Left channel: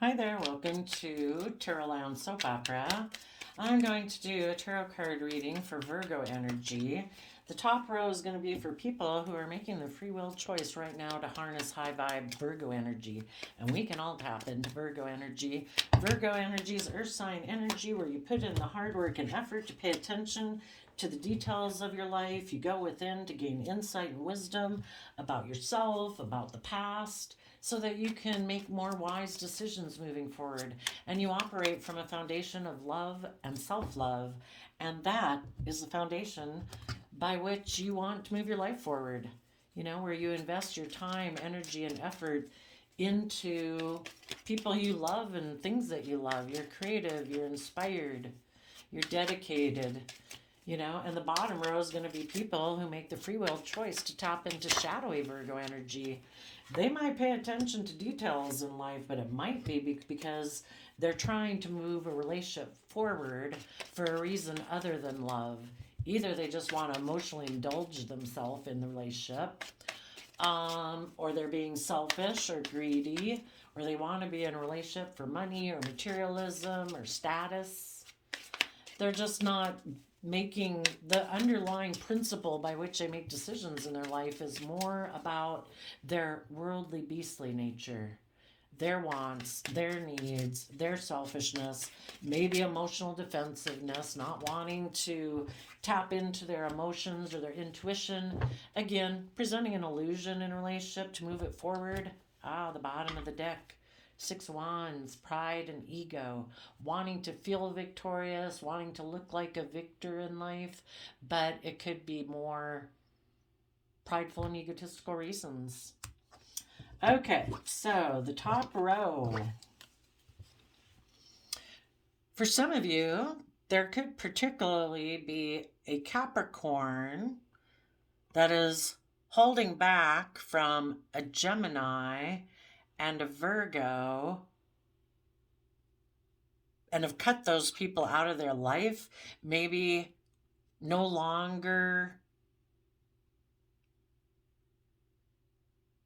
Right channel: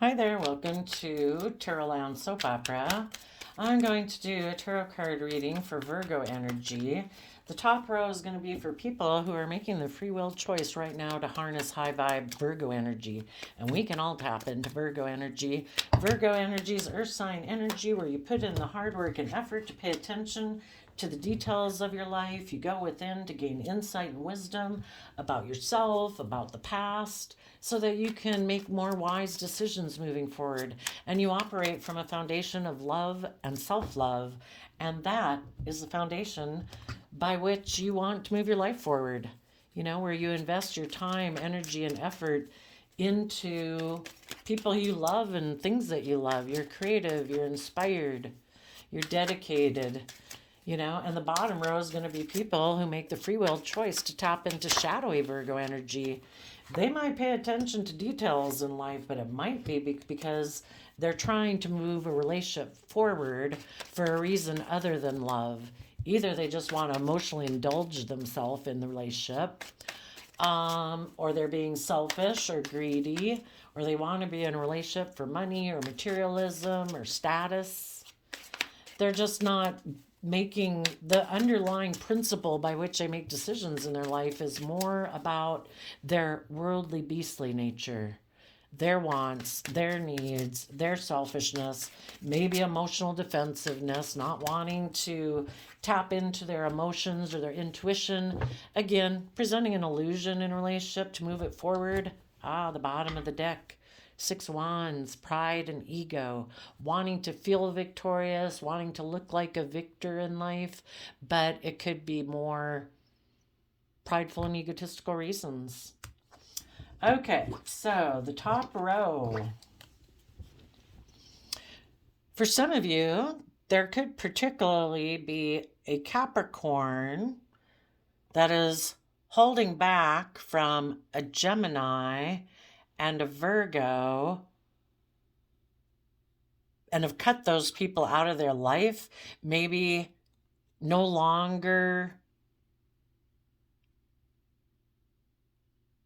Hi there, welcome to Tarot Lounge Soap Opera. I'm going to do a tarot card reading for Virgo energy. The top row is going to be for people who are making the free will choice right now to harness high vibe Virgo energy. And we can all tap into Virgo energy. Virgo energy is earth sign energy where you put in the hard work and effort to pay attention to the details of your life. You go within to gain insight and wisdom about yourself, about the past, so that you can make more wise decisions moving forward. And you operate from a foundation of love and self love. And that is the foundation by which you want to move your life forward. Where you invest your time, energy, and effort into people you love and things that you love. You're creative, you're inspired, you're dedicated. And the bottom row is going to be people who make the free will choice to tap into shadowy Virgo energy. They might pay attention to details in life, but it might be because they're trying to move a relationship forward for a reason other than love. Either they just want to emotionally indulge themselves in the relationship, or they're being selfish or greedy, or they want to be in a relationship for money or materialism or status. They're just not making the underlying principle by which they make decisions in their life is more about their worldly beastly nature, their wants, their needs, their selfishness, maybe emotional defensiveness, not wanting to tap into their emotions or their intuition. Again, presenting an illusion in a relationship to move it forward. The bottom of the deck. Six Wands, pride and ego, wanting to feel victorious, wanting to look like a victor in life, but it could be more prideful and egotistical reasons. Okay, so the top row. For some of you, there could particularly be a Capricorn that is holding back from a Gemini and a Virgo and have cut those people out of their life, maybe no longer.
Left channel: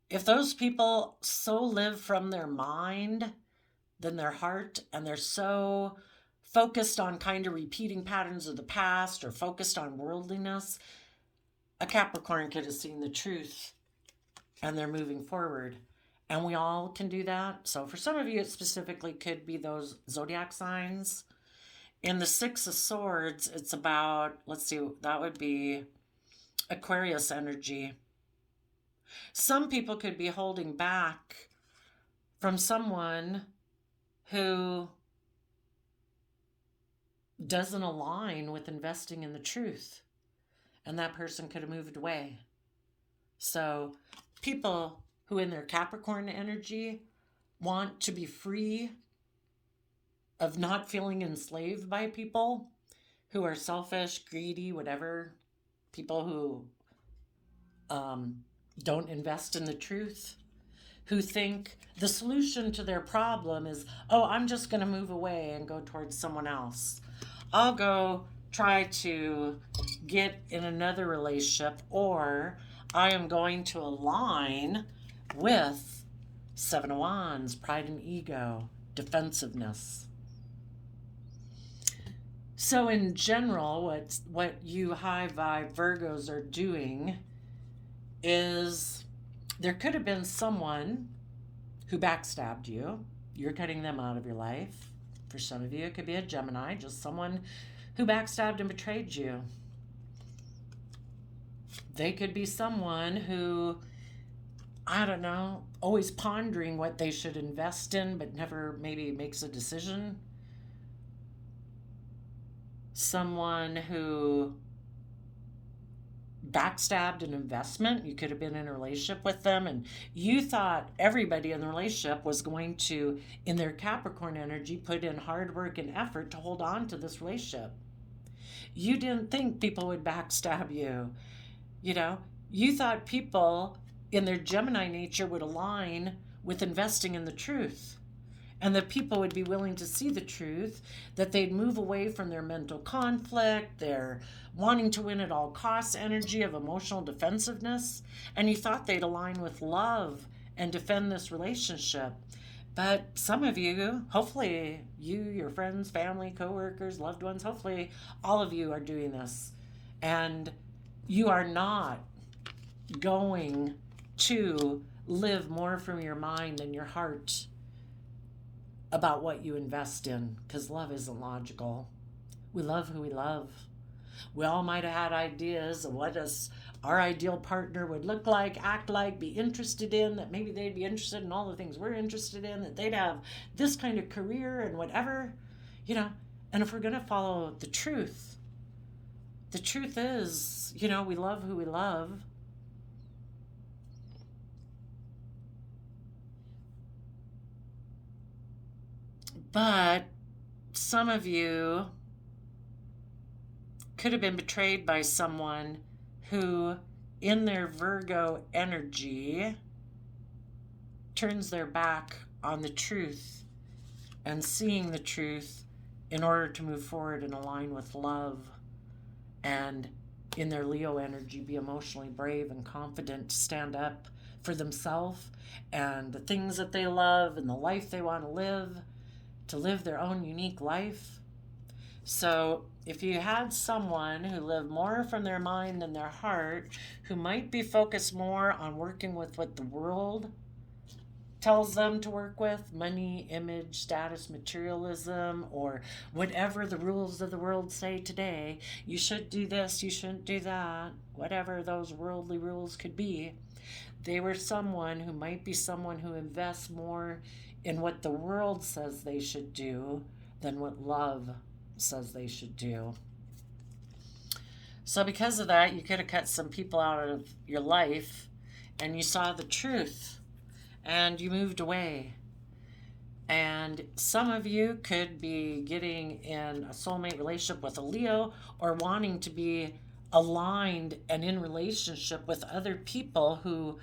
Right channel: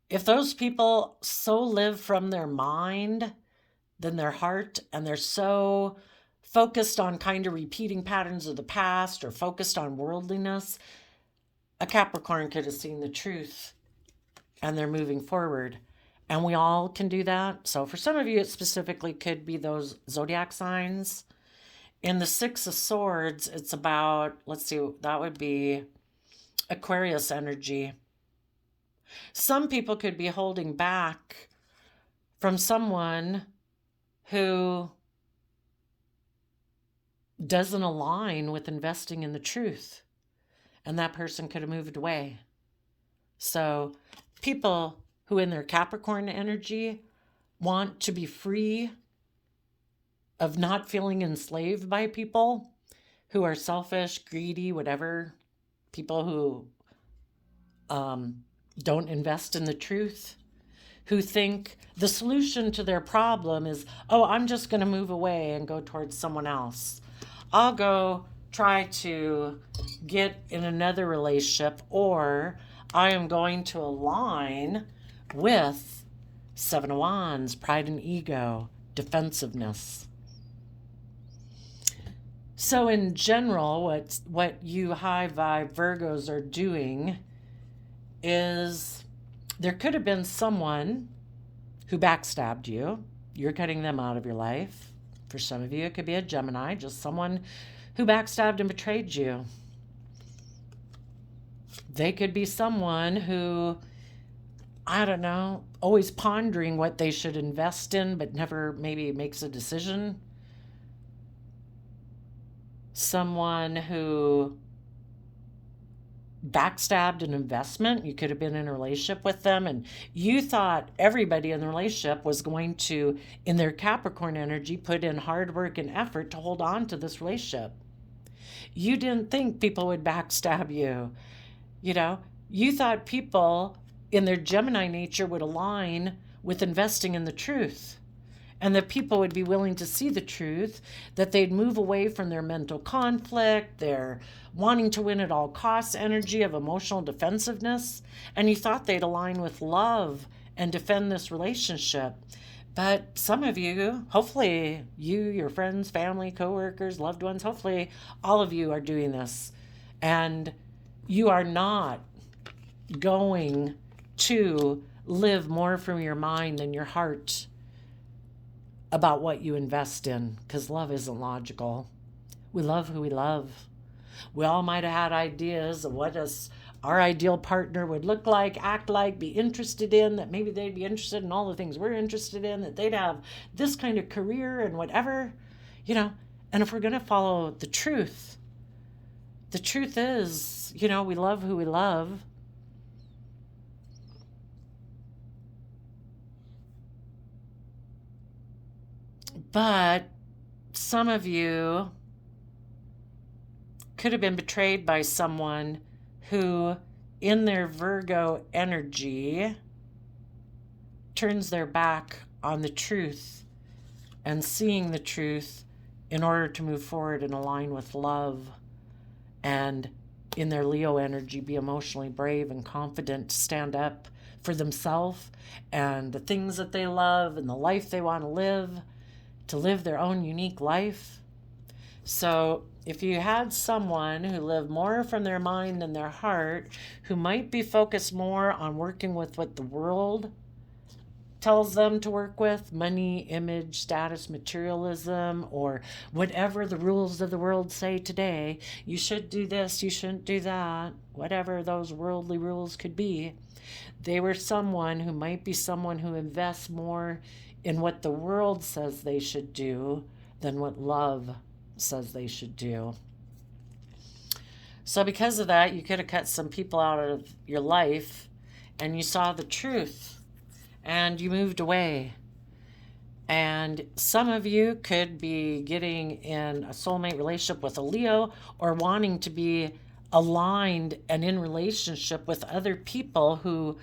If those people so live from their mind than their heart, and they're so focused on kind of repeating patterns of the past or focused on worldliness, a Capricorn could have seen the truth and they're moving forward. And we all can do that. So for some of you, it specifically could be those zodiac signs. In the Six of Swords, it's about, let's see, that would be Aquarius energy. Some people could be holding back from someone who doesn't align with investing in the truth, and that person could have moved away. So people who in their Capricorn energy want to be free of not feeling enslaved by people who are selfish, greedy, whatever, people who don't invest in the truth, who think the solution to their problem is, oh, I'm just going to move away and go towards someone else. I'll go try to get in another relationship, or I am going to align with Seven of Wands, pride and ego, defensiveness. So in general, what you high vibe Virgos are doing is there could have been someone who backstabbed you. You're cutting them out of your life. For some of you, it could be a Gemini, just someone who backstabbed and betrayed you. They could be someone who, I don't know, always pondering what they should invest in, but never maybe makes a decision. Someone who backstabbed an investment. You could have been in a relationship with them and you thought everybody in the relationship was going to, in their Capricorn energy, put in hard work and effort to hold on to this relationship. You didn't think people would backstab you. You thought people in their Gemini nature would align with investing in the truth, and that people would be willing to see the truth, that they'd move away from their mental conflict, their wanting to win at all costs energy of emotional defensiveness, and you thought they'd align with love and defend this relationship. But some of you, hopefully you, your friends, family, coworkers, loved ones, hopefully all of you are doing this. And you are not going to live more from your mind than your heart about what you invest in, because love isn't logical. We love who we love. We all might have had ideas of what our ideal partner would look like, act like, be interested in, that maybe they'd be interested in all the things we're interested in, that they'd have this kind of career and whatever, you know. And if we're going to follow the truth is, we love who we love. But some of you could have been betrayed by someone who, in their Virgo energy, turns their back on the truth and seeing the truth in order to move forward and align with love, and in their Leo energy be emotionally brave and confident to stand up for themselves and the things that they love and the life they want to live their own unique life. So if you had someone who lived more from their mind than their heart, who might be focused more on working with what the world tells them to work with, money, image, status, materialism, or whatever the rules of the world say today, you should do this, you shouldn't do that, whatever those worldly rules could be, they were someone who might be someone who invests more in what the world says they should do than what love says they should do. So because of that, you could have cut some people out of your life and you saw the truth and you moved away. And some of you could be getting in a soulmate relationship with a Leo, or wanting to be aligned and in relationship with other people who,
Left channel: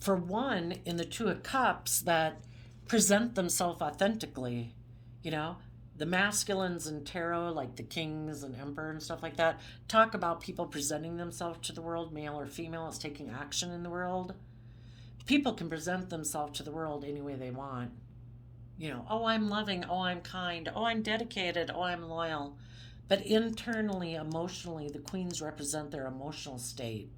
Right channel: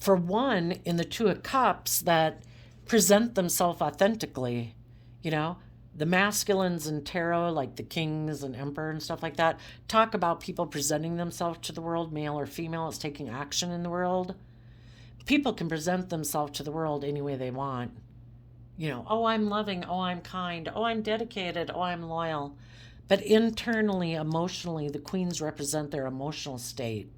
for one, in the Two of Cups, that present themselves authentically. The masculines in tarot, like the kings and emperor and stuff like that, talk about people presenting themselves to the world, male or female, as taking action in the world. People can present themselves to the world any way they want. Oh, I'm loving, oh, I'm kind, oh, I'm dedicated, oh, I'm loyal. But internally, emotionally, the queens represent their emotional state.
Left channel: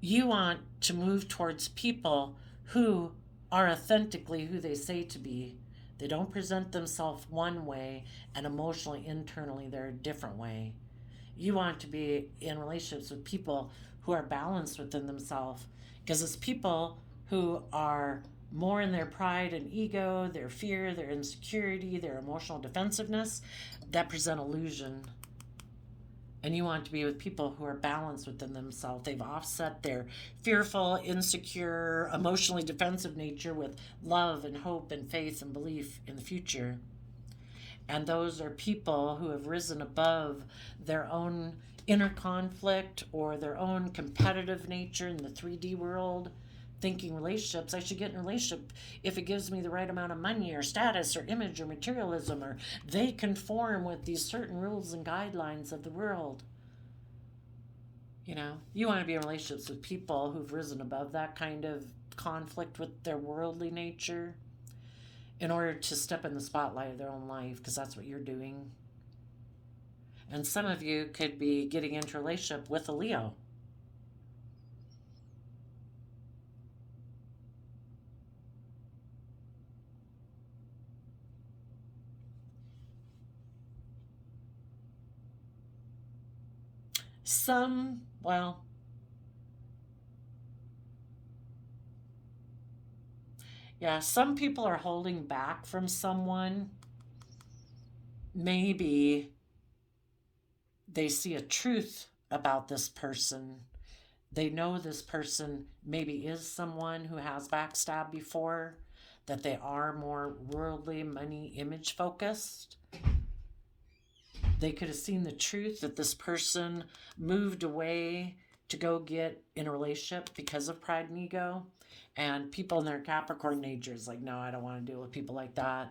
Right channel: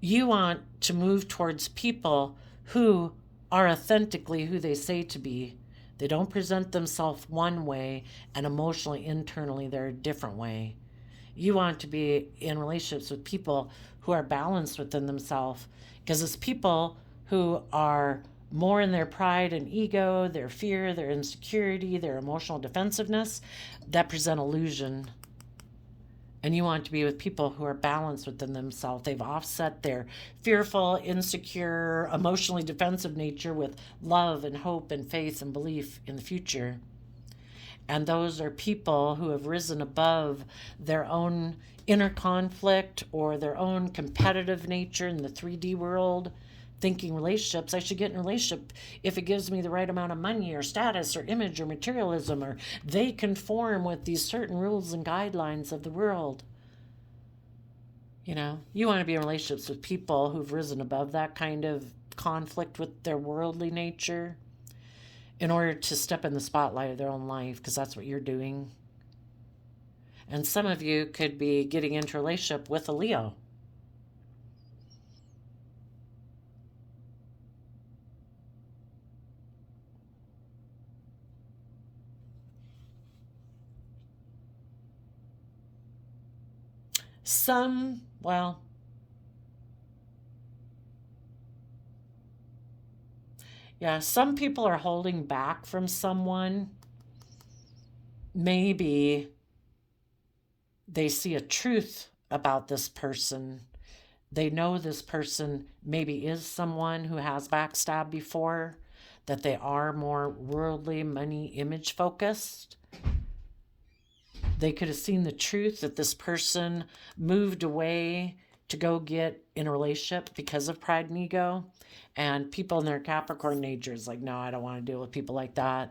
You want to move towards people who are authentically who they say to be. They don't present themselves one way, and emotionally, internally, they're a different way. You want to be in relationships with people who are balanced within themselves, because it's people who are more in their pride and ego, their fear, their insecurity, their emotional defensiveness, that present illusion. And you want to be with people who are balanced within themselves. They've offset their fearful, insecure, emotionally defensive nature with love and hope and faith and belief in the future. And those are people who have risen above their own inner conflict or their own competitive nature in the 3D world, thinking relationships, I should get in a relationship if it gives me the right amount of money or status or image or materialism, or they conform with these certain rules and guidelines of the world. You want to be in relationships with people who've risen above that kind of conflict with their worldly nature in order to step in the spotlight of their own life, because that's what you're doing. And some of you could be getting into a relationship with a Leo. Some people are holding back from someone. Maybe they see a truth about this person. They know this person maybe is someone who has backstabbed before, that they are more worldly, money, image focused. They could have seen the truth that this person moved away to go get in a relationship because of pride and ego. And people in their Capricorn nature is like, no, I don't want to deal with people like that.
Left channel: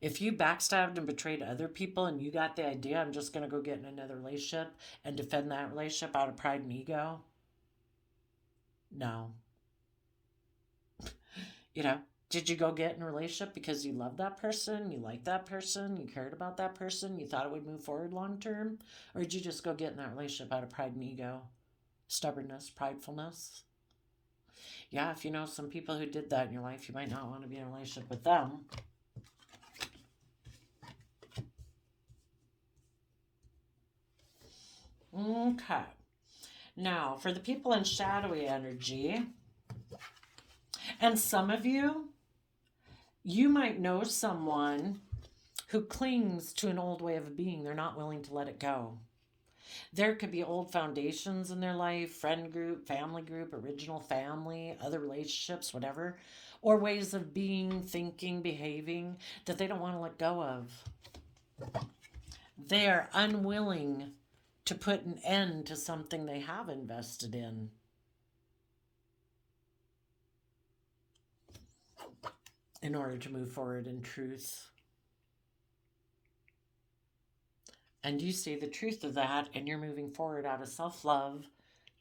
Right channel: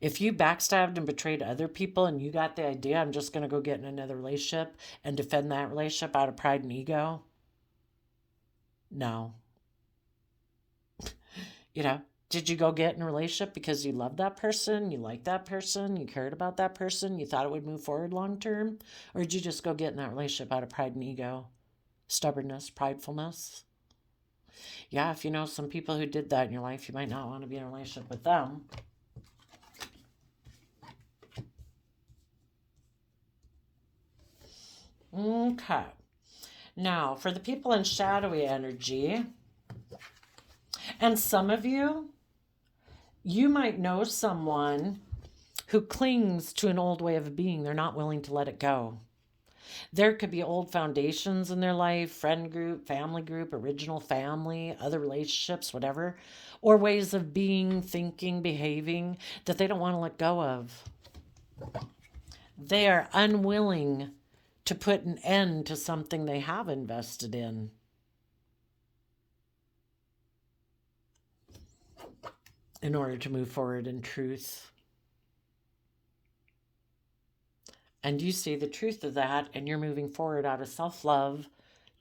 If you backstabbed and betrayed other people and you got the idea, I'm just going to go get in another relationship and defend that relationship out of pride and ego, no. Did you go get in a relationship because you loved that person, you liked that person, you cared about that person, you thought it would move forward long term? Or did you just go get in that relationship out of pride and ego, stubbornness, pridefulness? Yeah, if you know some people who did that in your life, you might not want to be in a relationship with them. Okay. Now, for the people in shadowy energy, and some of you, you might know someone who clings to an old way of being. They're not willing to let it go. There could be old foundations in their life, friend group, original family, other relationships, whatever, or ways of being, thinking, behaving that they don't want to let go of. They are unwilling to put an end to something they have invested in order to move forward in truth. And you see the truth of that, and you're moving forward out of self-love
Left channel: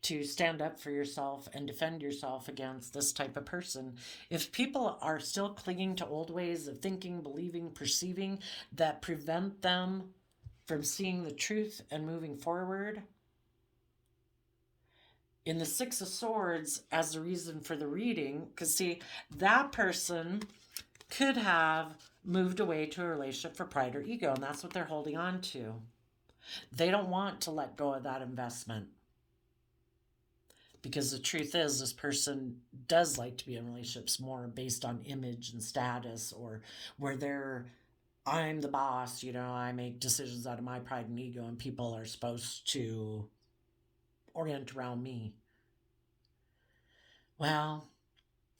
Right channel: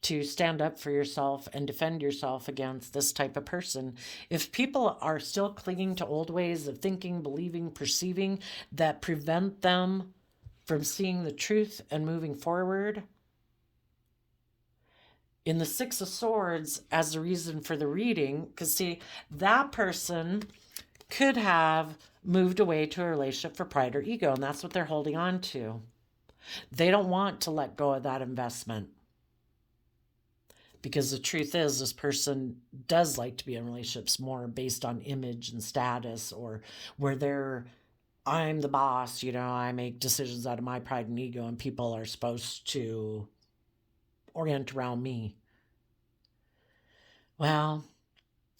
to stand up for yourself and defend yourself against this type of person. If people are still clinging to old ways of thinking, believing, perceiving that prevent them from seeing the truth and moving forward, in the Six of Swords as the reason for the reading, because see, that person could have moved away to a relationship for pride or ego, and that's what they're holding on to. They don't want to let go of that investment. Because the truth is, this person does like to be in relationships more based on image and status, or where I'm the boss, I make decisions out of my pride and ego, and people are supposed to orient around me. Well,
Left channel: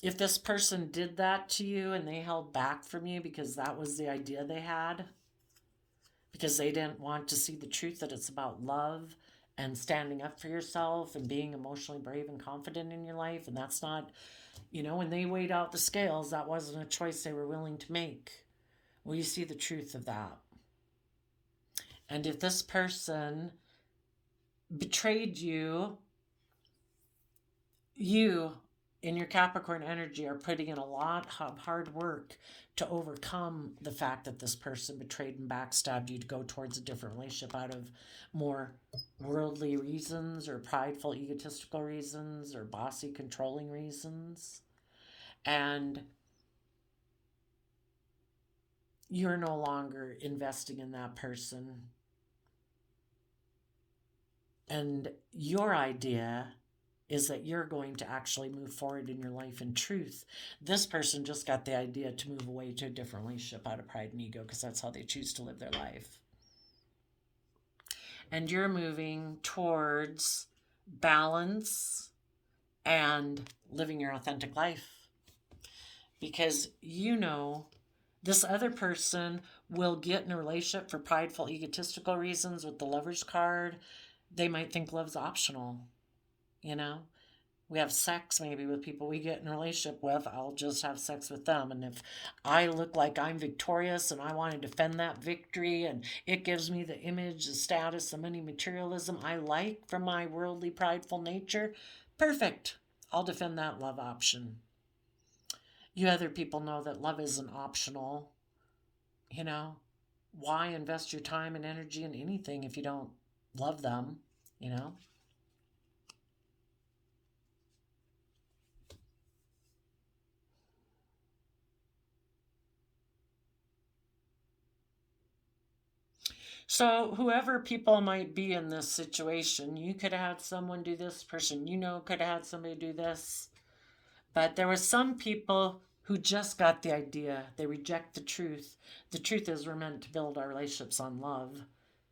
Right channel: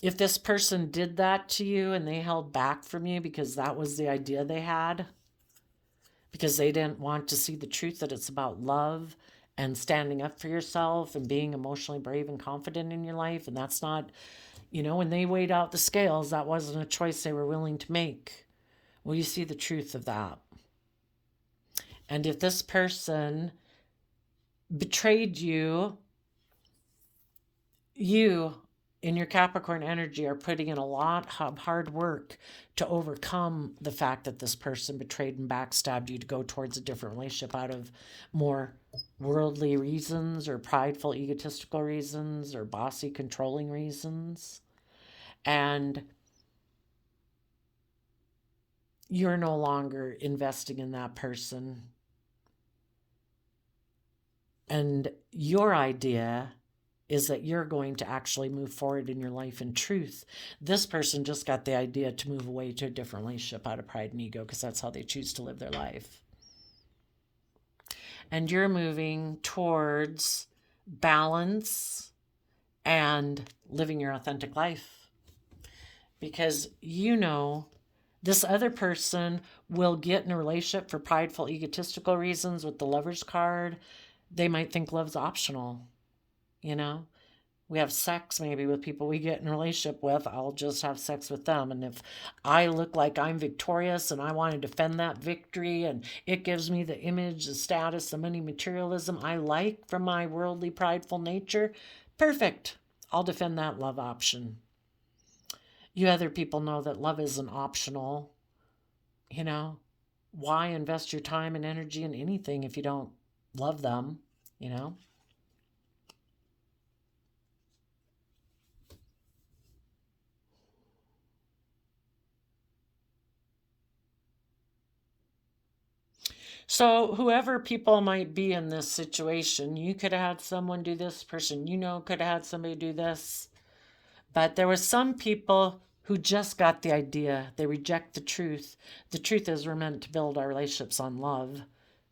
if this person did that to you and they held back from you because that was the idea they had, because they didn't want to see the truth that it's about love and standing up for yourself and being emotionally brave and confident in your life, and that's not, when they weighed out the scales, that wasn't a choice they were willing to make. Well, you see the truth of that. And if this person betrayed you in your Capricorn energy are putting in a lot of hard work to overcome the fact that this person betrayed and backstabbed you to go towards a different relationship out of more worldly reasons or prideful, egotistical reasons or bossy, controlling reasons. And you're no longer investing in that person. And your idea is that you're going to actually move forward in your life in truth. This person just got the idea to move away to a different relationship out of pride and ego because that's how they choose to live their life. And you're moving towards balance and living your authentic life. Because this other person will get in a relationship for prideful, egotistical reasons with the Lover's card. They might think love's optional. We have sex maybe with people we get in a relationship with. I'll just have sex with them. And if I look like I'm victorious and I want to defend that victory and it gives me the image, the status, the money, materialism I like from my worldly, prideful nature, perfect. I'll defend that love option. You other people know that love isn't optional. Why invest your time and energy in anything if you don't love them, So whoever people might be in this situation, you could have had someone do this, person could have had somebody do this. But there were some people who just got the idea. They reject the truth. The truth is we're meant to build our relationships on love,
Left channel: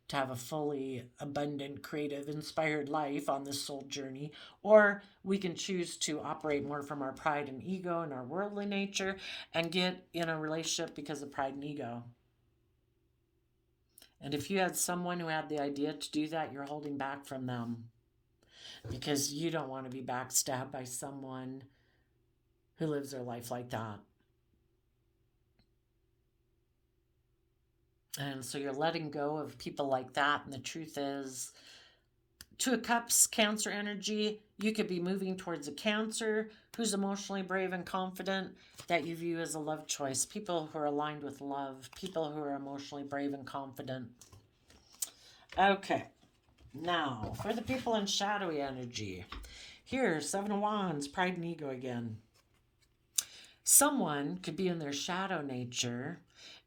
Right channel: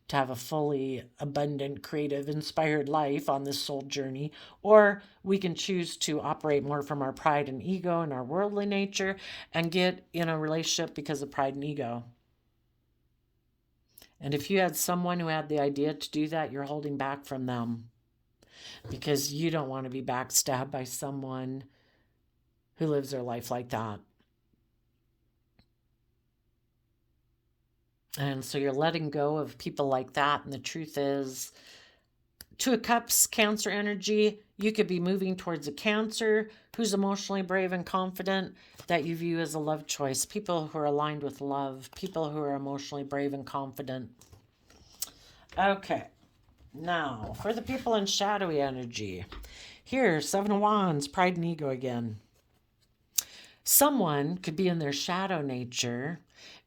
to have a fully abundant, creative, inspired life on this soul journey. Or we can choose to operate more from our pride and ego and our worldly nature and get in a relationship because of pride and ego. And if you had someone who had the idea to do that, you're holding back from them because you don't want to be backstabbed by someone who lives their life like that. And so you're letting go of people like that. And the truth is, Two of Cups, Cancer energy. You could be moving towards a Cancer who's emotionally brave and confident that you view as a love choice. People who are aligned with love. People who are emotionally brave and confident. Okay. Now, for the people in shadowy energy. Here, Seven of Wands, pride and ego again. Someone could be in their shadow nature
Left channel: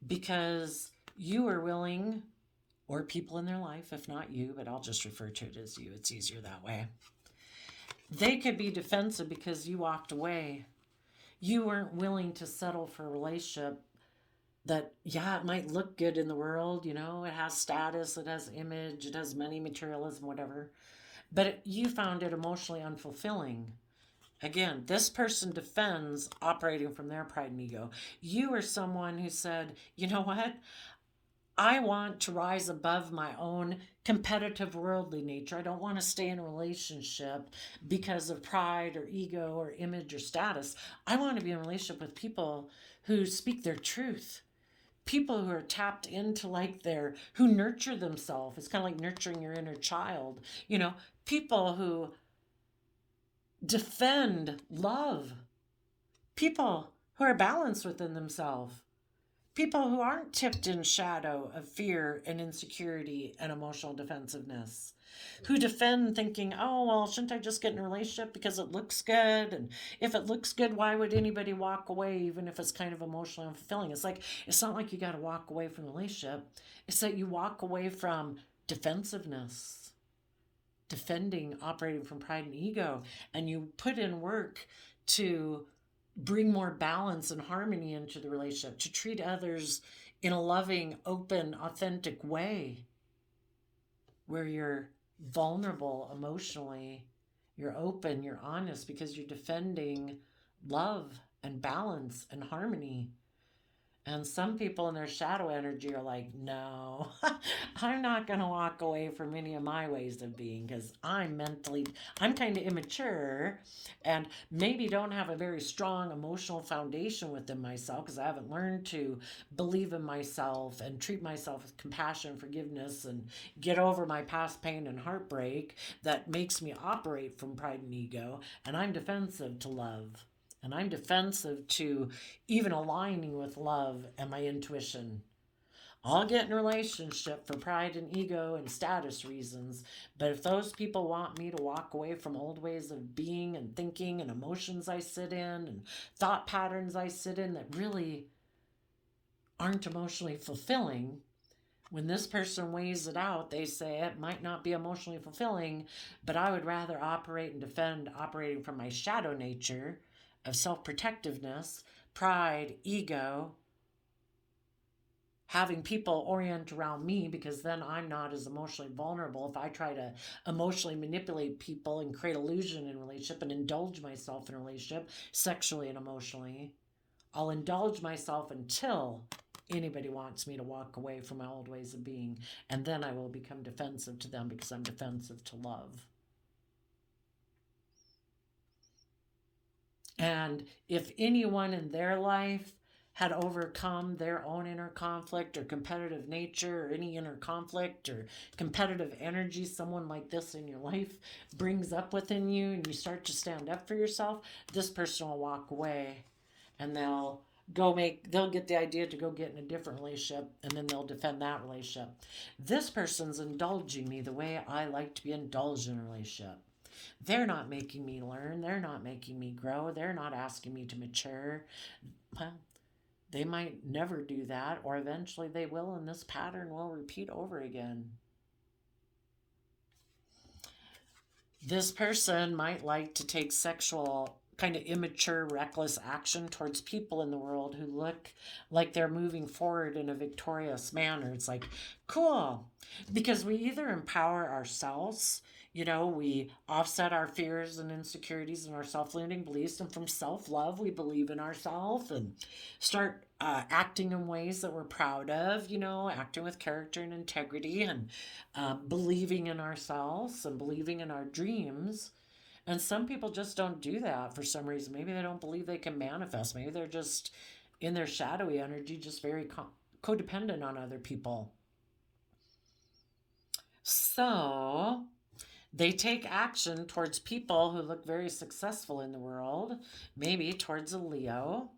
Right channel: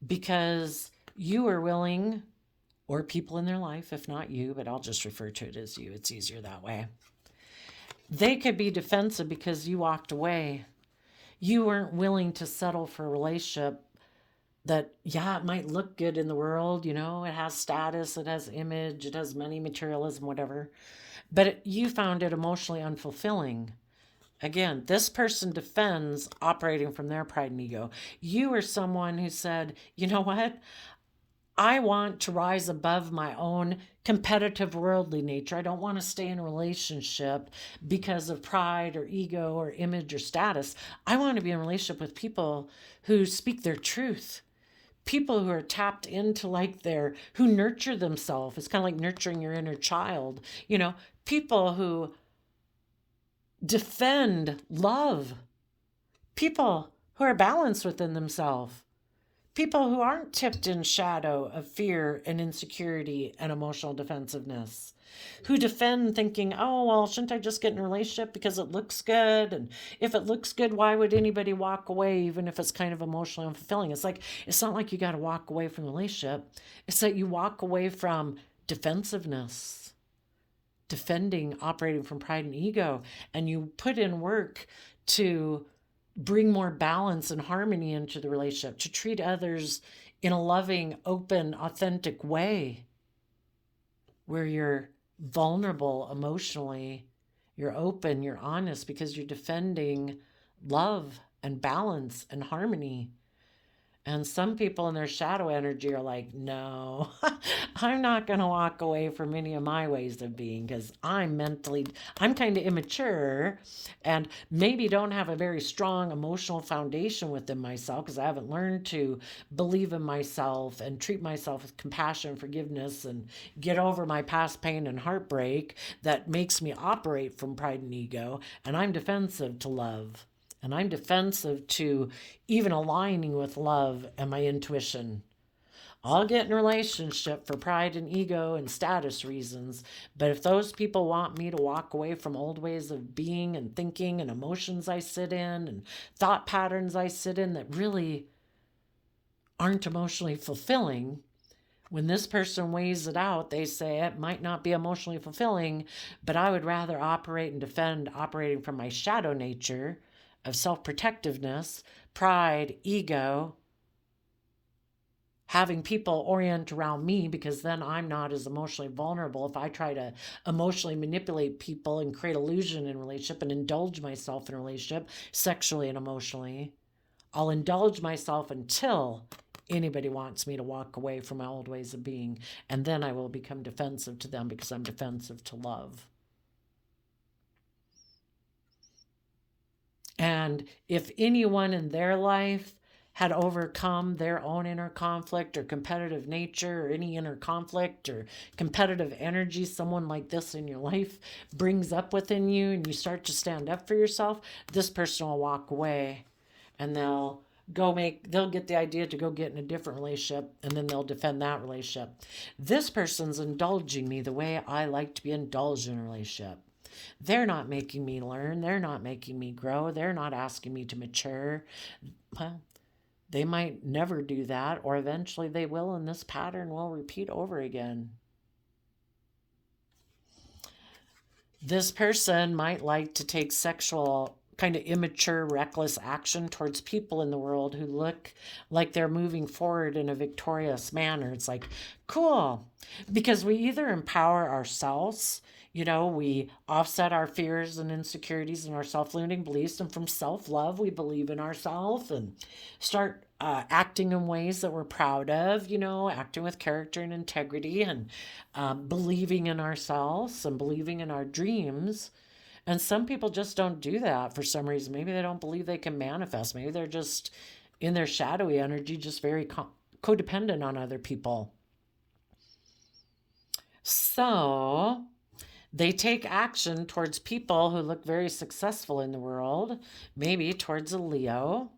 because you are willing, or people in their life, if not you, but I'll just refer to it as you. It's easier that way. They could be defensive because you walked away. You weren't willing to settle for a relationship that, yeah, it might look good in the world, you know, it has status, it has image, it has money, materialism, whatever, but you found it emotionally unfulfilling. Again, this person defends operating from their pride and ego. You are someone who said, you know what? I want to rise above my own competitive worldly nature. I don't want to stay in a relationship because of pride or ego or image or status. I want to be in a relationship with people who speak their truth. People who are tapped into who nurture themselves. It's kind of like nurturing your inner child. You know, people who defend love. People who are balanced within themselves. People who aren't tipped in shadow of fear and insecurity and emotional defensiveness, who defend thinking, oh, well, shouldn't I just get in a relationship because it looks good? And if it looks good, why would anybody walk away, even if it's kind of emotionally unfulfilling? It's not like you got to walk away from the relationship. It's that you walk away from defensiveness, defending, operating from pride and ego, and you put in work to bring more balance and harmony into the relationship, to treat others in a loving, open, authentic way where you're vulnerable emotionally, you're open, you're honest because you're defending love and balance and harmony. And some people in their shadow energy are like, no, I'm not going to walk away from any of my ways of being because I'm kind of immature and maybe don't have a very strong emotional foundation within myself because I haven't learned to believe in myself and treat myself with compassion and forgiveness and get over my past pain and heartbreak that makes me operate from pride and ego. And I'm defensive to love. And I'm defensive to even aligning with love and my intuition. I'll get in a relationship for pride and ego and status reasons, but if those people want me to walk away from old ways of being and thinking and emotions I sit in and thought patterns I sit in that really aren't emotionally fulfilling, when this person weighs it out, they say it might not be emotionally fulfilling, but I would rather operate and defend operating from my shadow nature of self-protectiveness, pride, ego, having people orient around me because then I'm not as emotionally vulnerable. If I try to emotionally manipulate people and create illusion in a relationship and indulge myself in a relationship, sexually and emotionally, I'll indulge myself until anybody wants me to walk away from my old ways of being. And then I will become defensive to them because I'm defensive to love. And if anyone in their life had overcome their own inner conflict or competitive nature or any inner conflict or competitive energy someone like this in your life brings up within you and you start to stand up for yourself, this person will walk away and they'll get the idea to go get in a different relationship and then they'll defend that relationship. This person's indulging me the way I like to be indulged in a relationship. They're not making me learn. They're not making me grow. They're not asking me to mature. Well, they might never do that, or eventually they will, and this pattern will repeat over again. This person might like to take sexual, kind of immature, reckless action towards people in the world who look like they're moving forward in a victorious manner. It's like, cool, because we either empower ourselves. We offset our fears and insecurities and our self-limiting beliefs. And from self-love, we believe in ourselves and start acting in ways that we're proud of, acting with character and integrity and believing in ourselves and believing in our dreams. And some people just don't do that for some reason. Maybe they don't believe they can manifest. Maybe they're just in their shadowy energy, just very codependent on other people. So They take action towards people who look very successful in the world, maybe towards a Leo,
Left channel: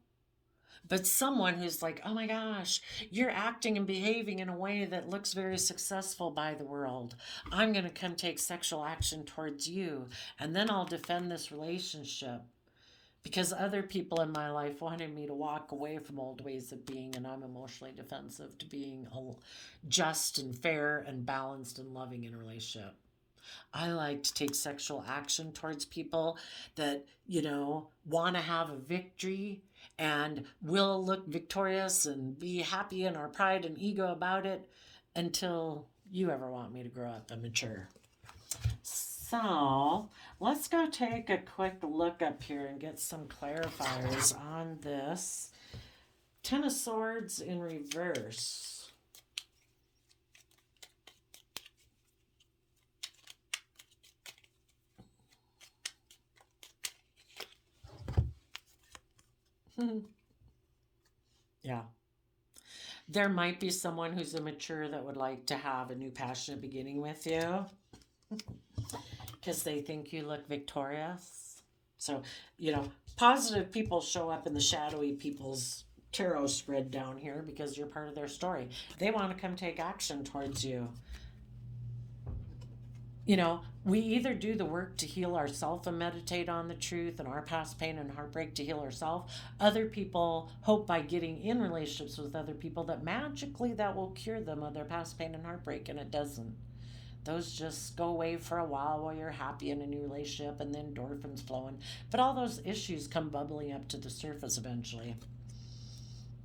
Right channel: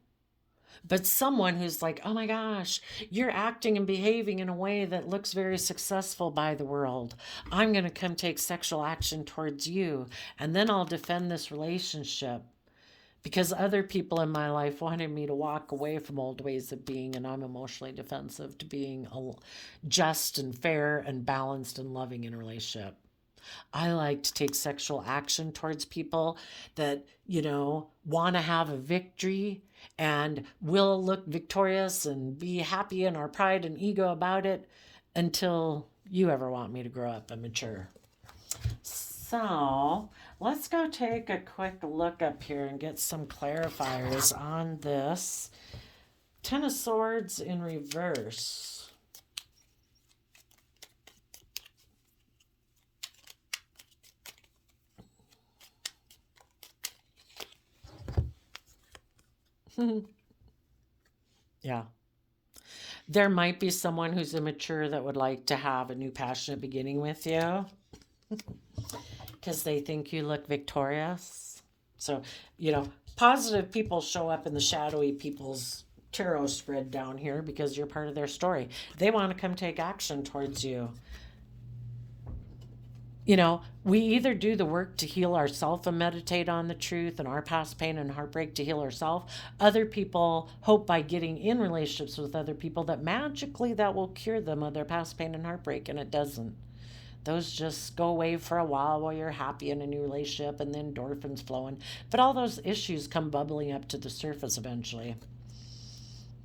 but someone who's like, oh my gosh, you're acting and behaving in a way that looks very successful by the world. I'm going to come take sexual action towards you, and then I'll defend this relationship because other people in my life wanted me to walk away from old ways of being, and I'm emotionally defensive to being just and fair and balanced and loving in a relationship. I like to take sexual action towards people that, want to have a victory and will look victorious and be happy in our pride and ego about it until you ever want me to grow up and mature. So let's go take a quick look up here and get some clarifiers on this. Ten of Swords in reverse. Yeah. There might be someone who's immature that would like to have a new passionate beginning with you because they think you look victorious. So, positive people show up in the shadowy people's tarot spread down here because you're part of their story. They want to come take action towards you. We either do the work to heal ourselves and meditate on the truth and our past pain and heartbreak to heal ourselves. Other people hope by getting in relationships with other people that magically that will cure them of their past pain and heartbreak, and it doesn't. Those just go away for a while you're happy in a new relationship and then endorphins flowing. But all those issues come bubbling up to the surface eventually.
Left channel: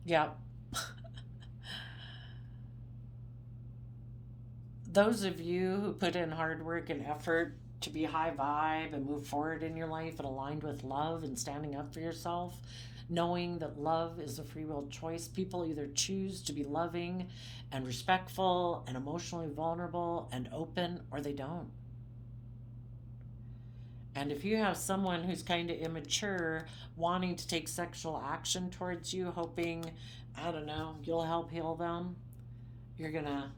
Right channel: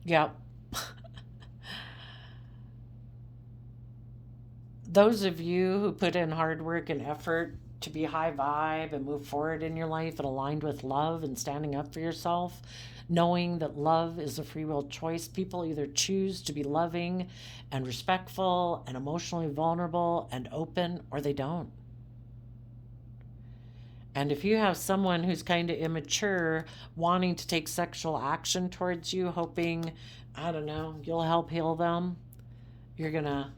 Yeah. Those of you who put in hard work and effort to be high vibe and move forward in your life and aligned with love and standing up for yourself, knowing that love is a free will choice, people either choose to be loving and respectful and emotionally vulnerable and open, or they don't. And if you have someone who's kind of immature, wanting to take sexual action towards you, hoping, I don't know, you'll help heal them, you're going to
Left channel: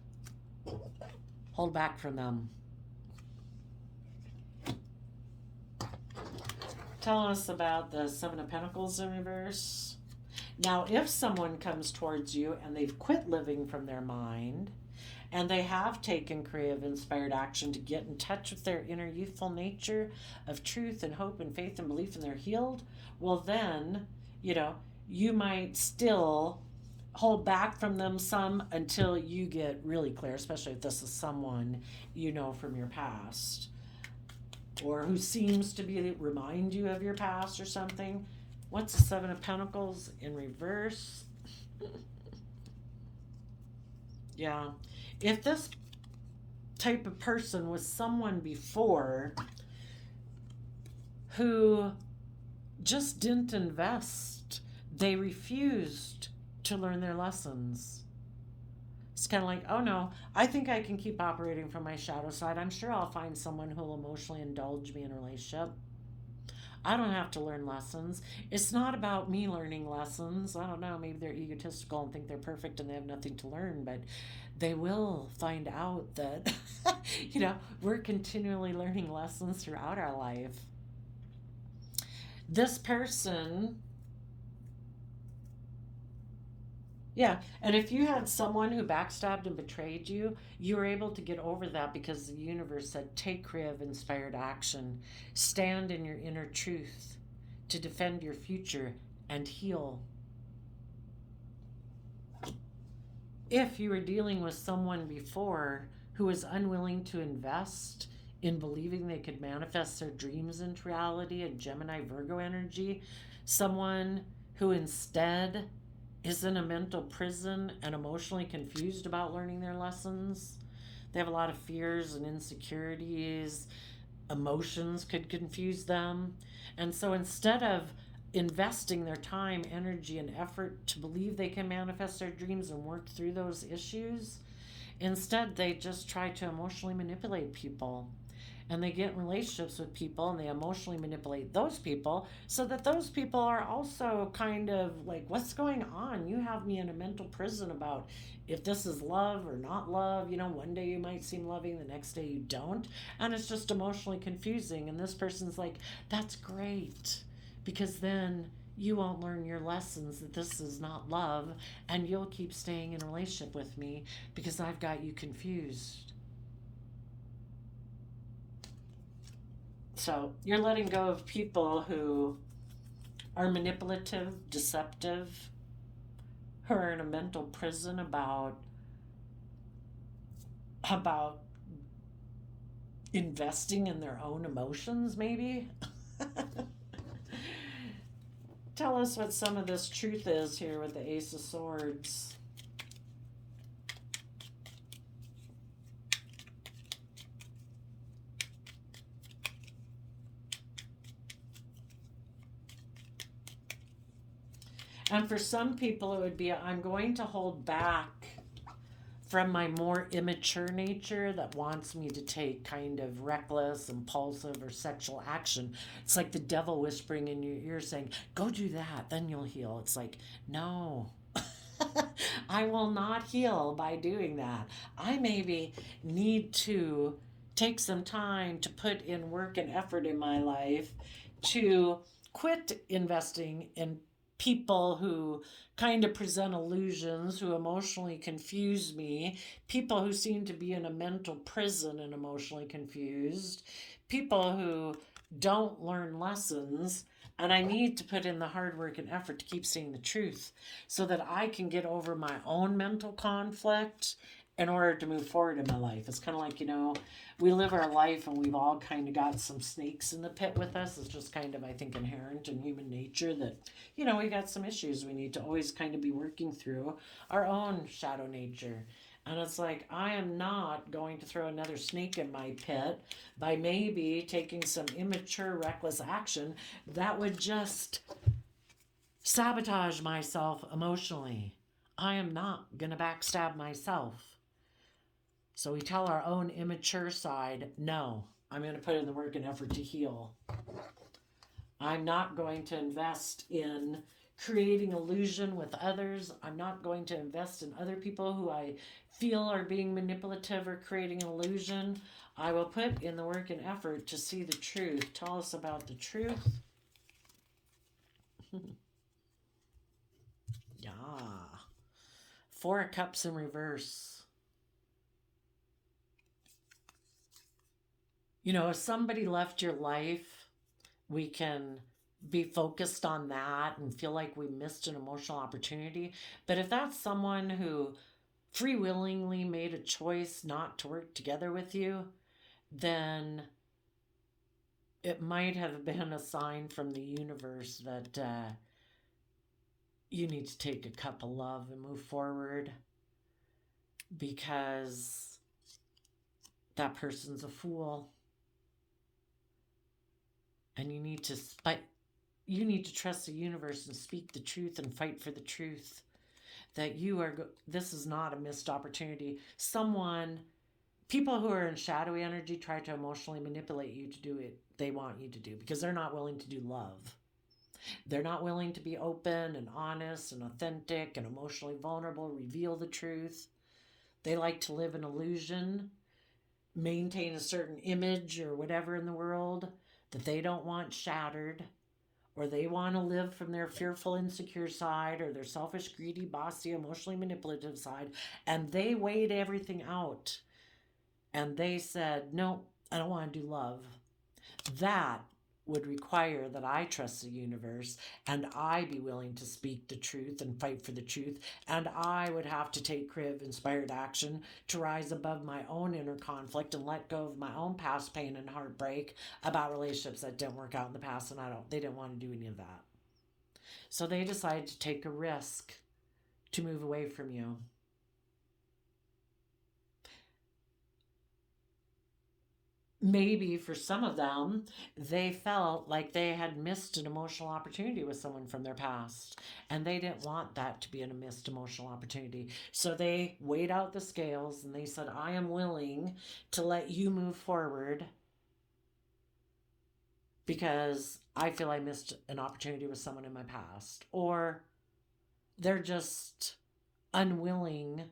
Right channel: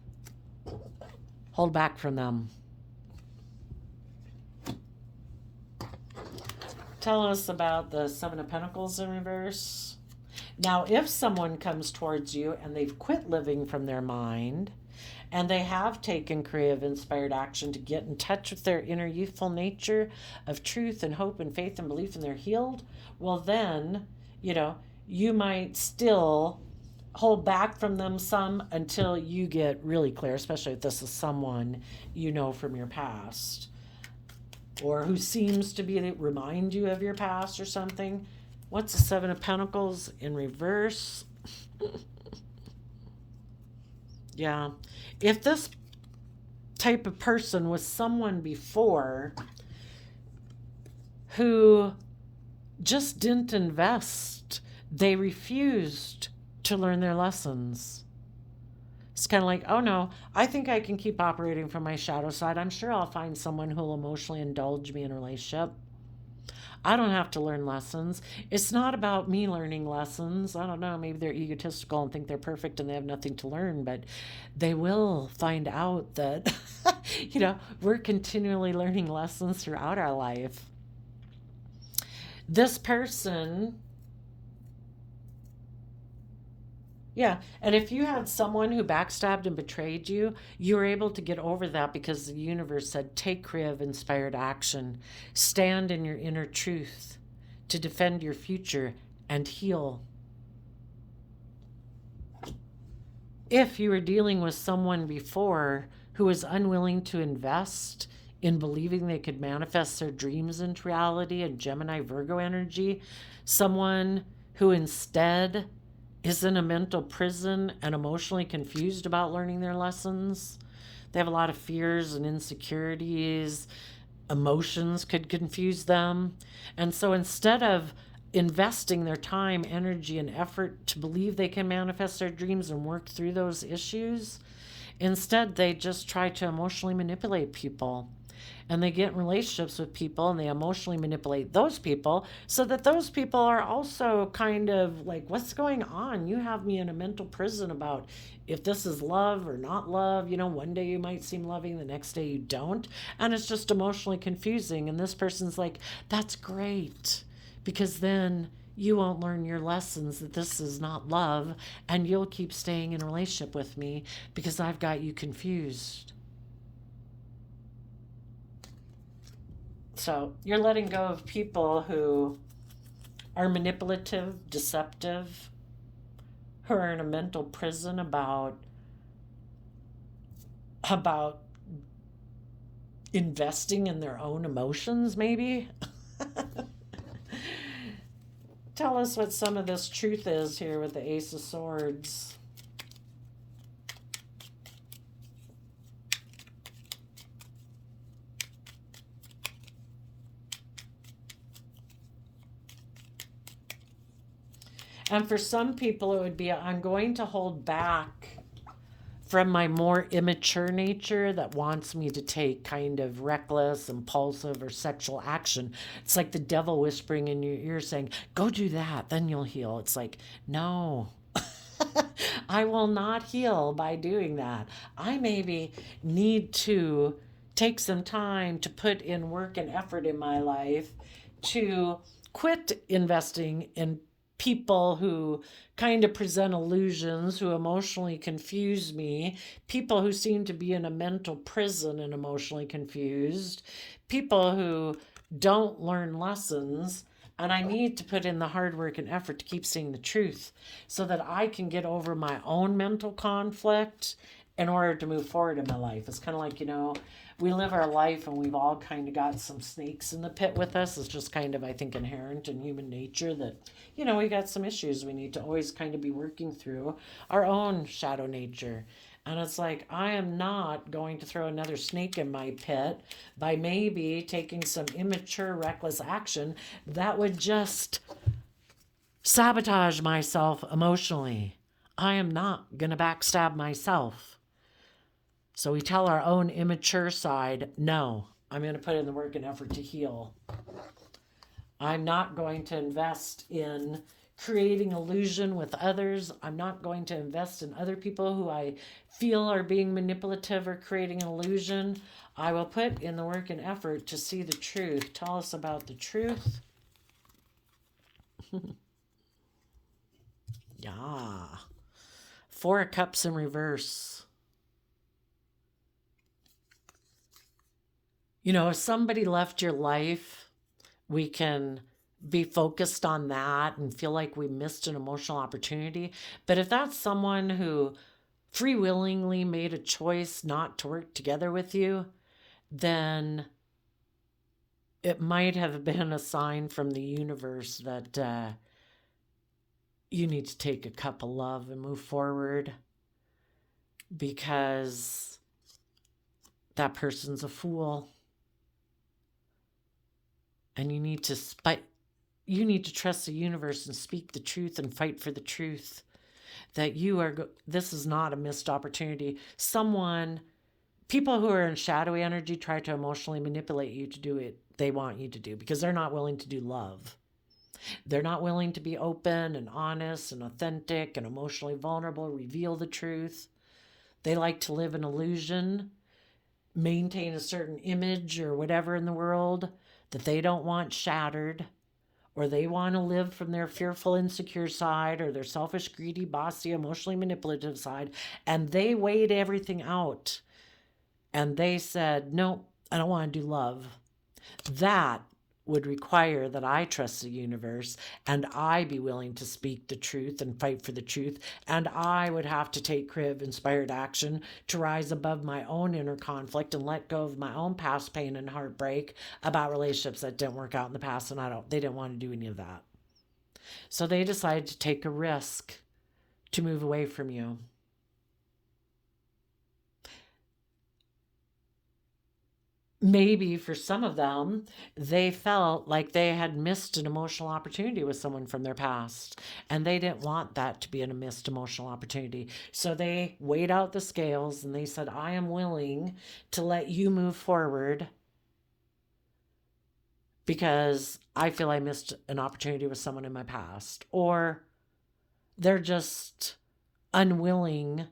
hold back from them. Tell us about the Seven of Pentacles in reverse. Now, if someone comes towards you and they've quit living from their mind and they have taken creative, inspired action to get in touch with their inner youthful nature of truth and hope and faith and belief and they're healed, well then, you might still hold back from them some until you get really clear, especially if this is someone you know from your past or who seems to remind you of your past or something. What's the Seven of Pentacles in reverse? Yeah. If this type of person was someone before who just didn't invest, they refused to learn their lessons. It's kind of like, oh no, I think I can keep operating from my shadow side. I'm sure I'll find someone who'll emotionally indulge me in a relationship. I don't have to learn lessons. It's not about me learning lessons. I don't know, maybe they're egotistical and think they're perfect and they have nothing to learn, but they will find out that, we're continually learning lessons throughout our life. This person, yeah, and if you had someone who backstabbed and betrayed you, you were able to get over that because the universe said, take creative, inspired action. Stand in your inner truth to defend your future and heal. If you were dealing with someone before who was unwilling to invest in believing they could manifest their dreams into reality, a Gemini Virgo energy, someone who instead is in a mental prison and emotionally confused about learning their lessons. They have a lot of fears and insecurities. Emotions could confuse them. And so instead of investing their time, energy, and effort to believe they can manifest their dreams and work through those issues, instead they just try to emotionally manipulate people. And they get in relationships with people and they emotionally manipulate those people so that those people are also kind of like, what's going on? You have me in a mental prison about if this is love or not love. You know, one day you might seem loving, the next day you don't. And it's just emotionally confusing. And this person's like, that's great, because then you won't learn your lessons that this is not love, and you'll keep staying in a relationship with me because I've got you confused. So you're letting go of people who are manipulative, deceptive, who are in a mental prison about investing in their own emotions, maybe. Tell us what some of this truth is here with the Ace of Swords. And for some people, it would be, I'm going to hold back from my more immature nature that wants me to take kind of reckless, impulsive, or sexual action. It's like the devil whispering in your ear saying, go do that, then you'll heal. It's like, no. I will not heal by doing that. I maybe need to take some time to put in work and effort in my life to quit investing in people who kind of present illusions, who emotionally confuse me, people who seem to be in a mental prison and emotionally confused, people who don't learn lessons. And I need to put in the hard work and effort to keep seeing the truth so that I can get over my own mental conflict in order to move forward in my life. It's kind of like, we live our life and we've all kind of got some snakes in the pit with us. It's just kind of, I think, inherent in human nature that, we got some issues we need to always kind of be working through our own shadow nature. And it's like, I am not going to throw another snake in my pit by maybe taking some immature, reckless action that would just sabotage myself emotionally. I am not going to backstab myself. So we tell our own immature side, no, I'm going to put in the work and effort to heal. I'm not going to invest in creating illusion with others. I'm not going to invest in other people who I feel are being manipulative or creating an illusion. I will put in the work and effort to see the truth. Tell us about the truth. Yeah. Four of Cups in reverse. If somebody left your life, we can be focused on that and feel like we missed an emotional opportunity. But if that's someone who free willingly made a choice not to work together with you, then it might have been a sign from the universe that you need to take a cup of love and move forward, because that person's a fool. And you need to trust the universe and speak the truth and fight for the truth that this is not a missed opportunity. People who are in shadowy energy try to emotionally manipulate you to do it they want you to do, because they're not willing to do love. They're not willing to be open and honest and authentic and emotionally vulnerable, reveal the truth. They like to live an illusion, maintain a certain image or whatever in the world that they don't want shattered, or they want to live from their fearful, insecure side, or their selfish, greedy, bossy, emotionally manipulative side, and they weighed everything out and they said, no, I don't want to do love. That would require that I trust the universe and I be willing to speak the truth and fight for the truth, and I would have to take creative, inspired action to rise above my own inner conflict and let go of my own past pain and heartbreak about relationships that didn't work out in the past, and they didn't want to do any of that. So they decided to take a risk to move away from you. Maybe for some of them, they felt like they had missed an emotional opportunity with someone from their past, and they didn't want that to be a missed emotional opportunity. So they weighed out the scales and they said, I am willing to let you move forward because I feel I missed an opportunity with someone in my past, or they're just unwilling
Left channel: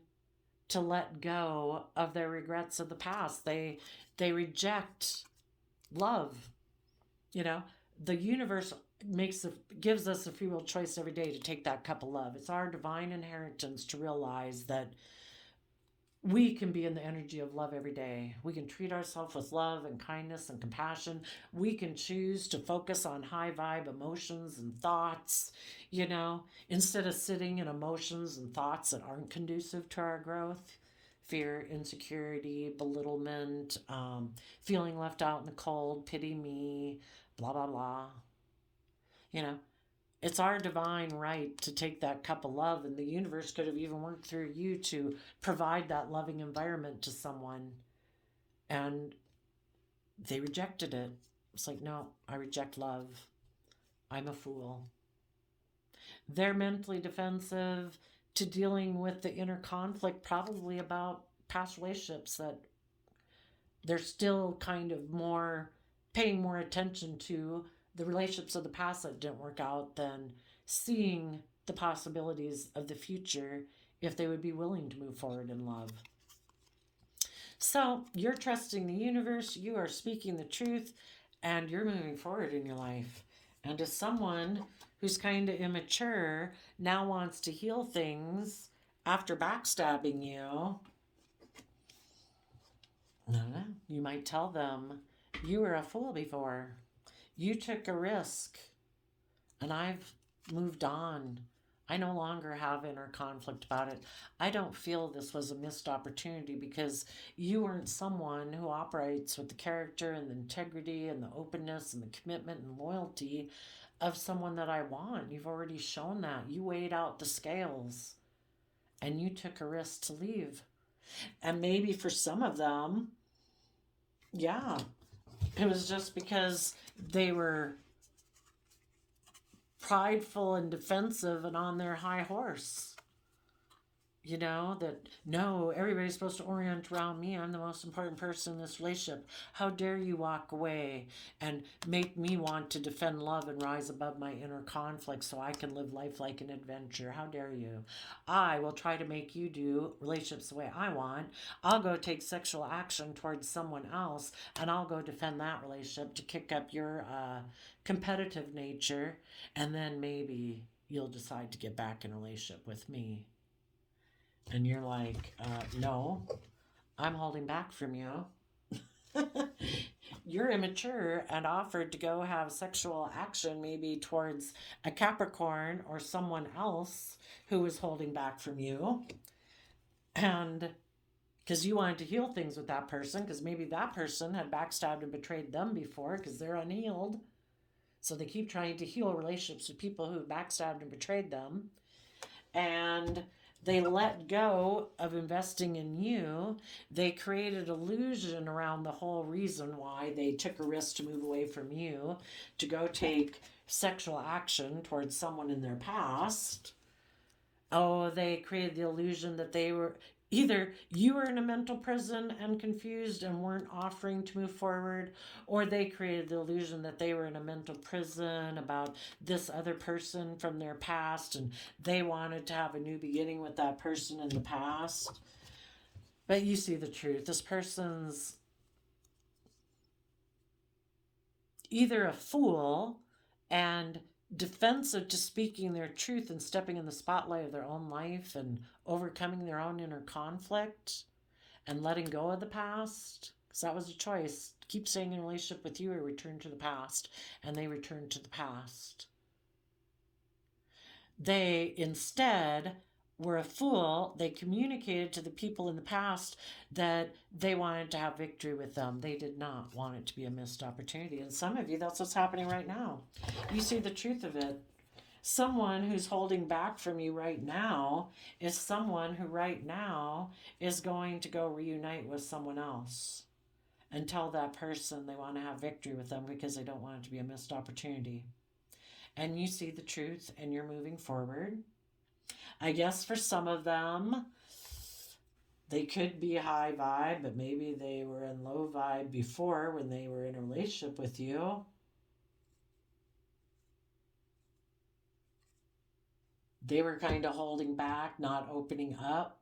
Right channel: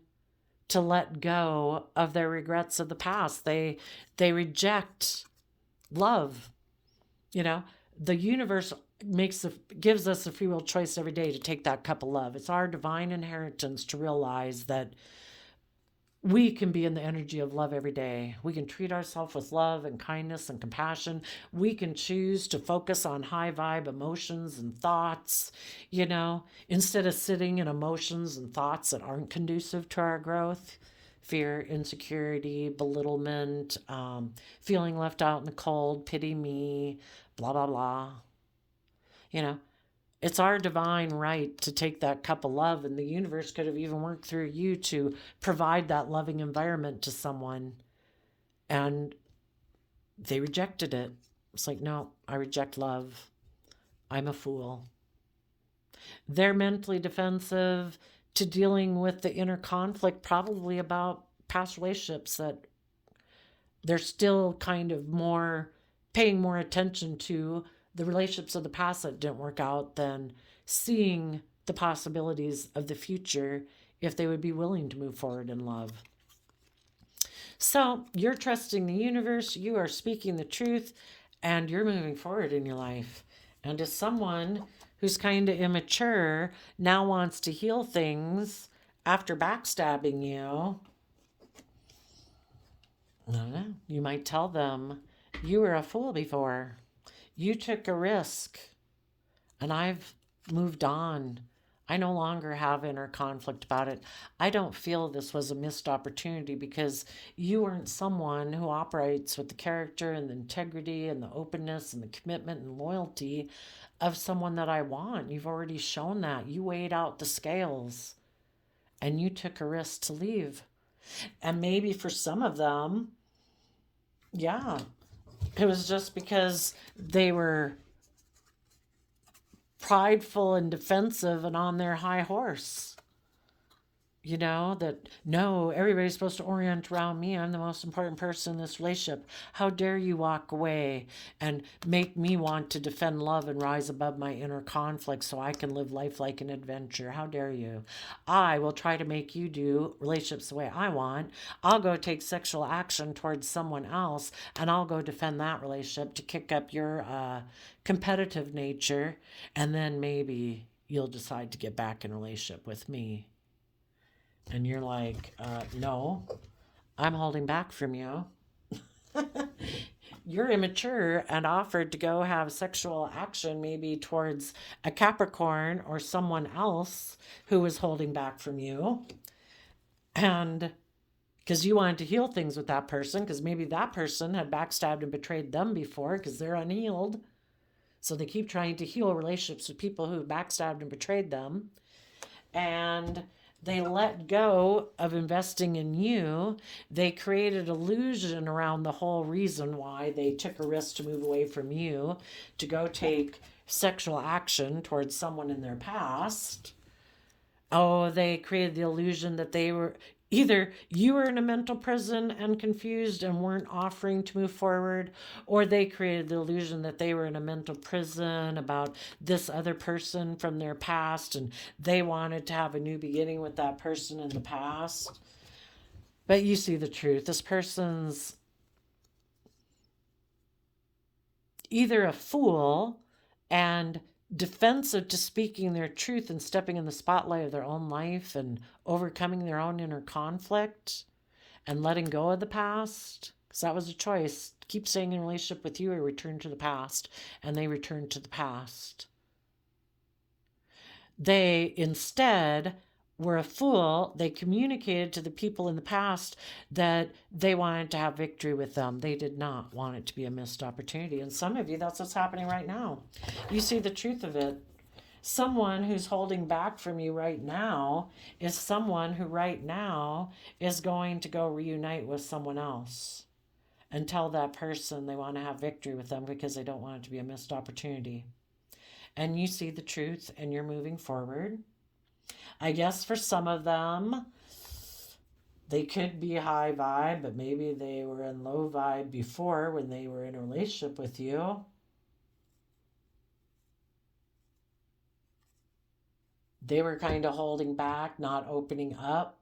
to let go of their regrets of the past. They reject love. You know, the universe gives us a free will choice every day to take that cup of love. It's our divine inheritance to realize that we can be in the energy of love every day. We can treat ourselves with love and kindness and compassion. We can choose to focus on high vibe emotions and thoughts, instead of sitting in emotions and thoughts that aren't conducive to our growth. Fear, insecurity, belittlement, feeling left out in the cold, pity me, blah, blah, blah. You know, it's our divine right to take that cup of love, and the universe could have even worked through you to provide that loving environment to someone, and they rejected it. It's like, no, I reject love. I'm a fool. They're mentally defensive to dealing with the inner conflict, probably about past relationships that they're still kind of more paying more attention to the relationships of the past that didn't work out than seeing the possibilities of the future if they would be willing to move forward in love. So you're trusting the universe, you are speaking the truth, and you're moving forward in your life. And as someone who's kind of immature now wants to heal things after backstabbing you, I don't know, you might tell them, you were a fool before. You took a risk, and I've moved on. I no longer have inner conflict about it. I don't feel this was a missed opportunity because you weren't someone who operates with the character and the integrity and the openness and the commitment and loyalty of someone that I want. You've already shown that. You weighed out the scales and you took a risk to leave. And maybe for some of them, yeah, it was just because they were prideful and defensive and on their high horse. That no, everybody's supposed to orient around me. I'm the most important person in this relationship. How dare you walk away and make me want to defend love and rise above my inner conflict so I can live life like an adventure? How dare you? I will try to make you do relationships the way I want. I'll go take sexual action towards someone else, and I'll go defend that relationship to kick up your competitive nature, and then maybe you'll decide to get back in a relationship with me. And you're like, no, I'm holding back from you. You're immature and offered to go have sexual action maybe towards a Capricorn or someone else who was holding back from you. And because you wanted to heal things with that person, because maybe that person had backstabbed and betrayed them before because they're unhealed. So they keep trying to heal relationships with people who backstabbed and betrayed them. And they let go of investing in you. They created illusion around the whole reason why they took a risk to move away from you to go take sexual action towards someone in their past. Oh, they created the illusion that they were either you were in a mental prison and confused and weren't offering to move forward, or they created the illusion that they were in a mental prison about this other person from their past and they wanted to have a new beginning with that person in the past. But you see the truth. This person's either a fool and defensive to speaking their truth and stepping in the spotlight of their own life and overcoming their own inner conflict and letting go of the past, because that was a choice. Keep staying in a relationship with you or return to the past. And they returned to the past. They instead were a fool. They communicated to the people in the past that they wanted to have victory with them. They did not want it to be a missed opportunity. And some of you, that's what's happening right now. You see the truth of it. Someone who's holding back from you right now is someone who right now is going to go reunite with someone else and tell that person they want to have victory with them because they don't want it to be a missed opportunity. And you see the truth and you're moving forward. I guess for some of them, they could be high vibe, but maybe they were in low vibe before when they were in a relationship with you. They were kind of holding back, not opening up.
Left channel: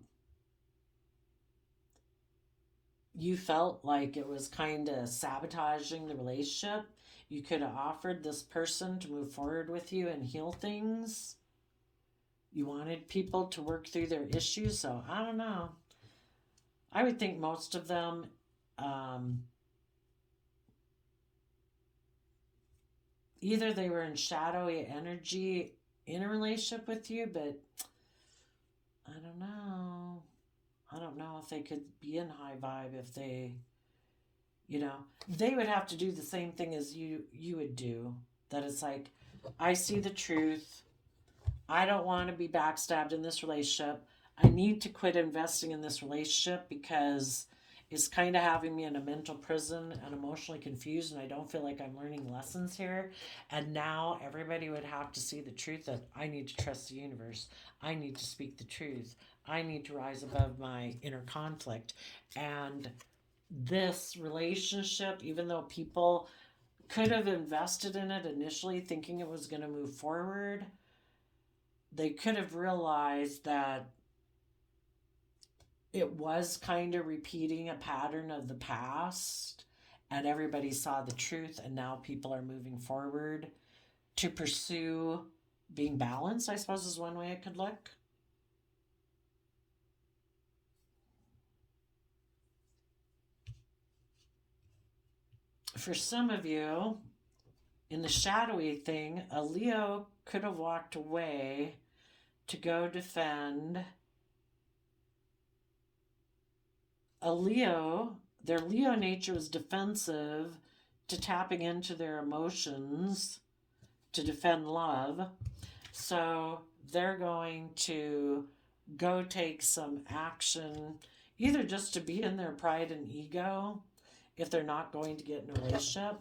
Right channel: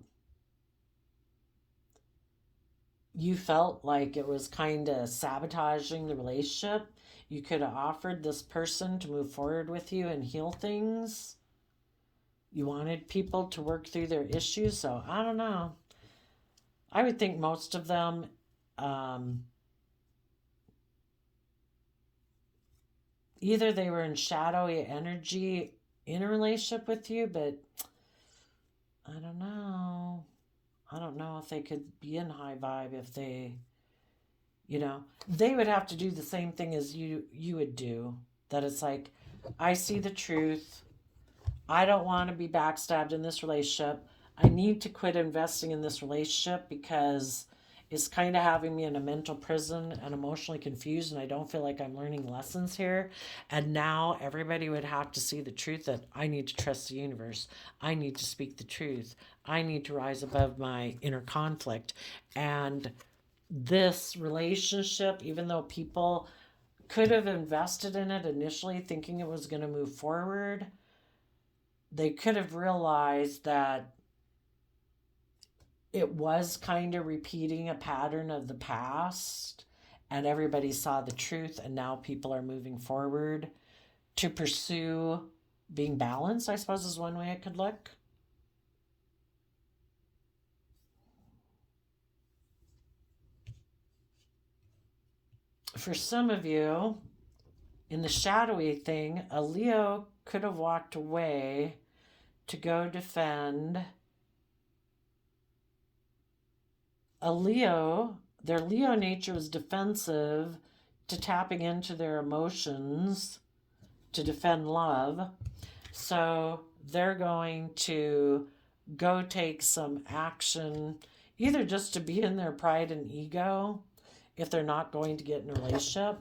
You felt like it was kind of sabotaging the relationship. You could have offered this person to move forward with you and heal things. You wanted people to work through their issues, so I don't know. I would think most of them, um, either they were in shadowy energy in a relationship with you, but I don't know. I don't know if they could be in high vibe if they, they would have to do the same thing as you would do. That it's like, I see the truth. I don't want to be backstabbed in this relationship. I need to quit investing in this relationship because it's kind of having me in a mental prison and emotionally confused, and I don't feel like I'm learning lessons here. And now everybody would have to see the truth that I need to trust the universe. I need to speak the truth. I need to rise above my inner conflict. And this relationship, even though people could have invested in it initially thinking it was going to move forward, they could have realized that it was kind of repeating a pattern of the past, and everybody saw the truth, and now people are moving forward to pursue being balanced, I suppose, is one way it could look. For some of you, in the shadowy thing, a Leo could have walked away to go defend. A Leo, their Leo nature is defensive to tapping into their emotions to defend love. So they're going to go take some action, either just to be in their pride and ego if they're not going to get in a relationship.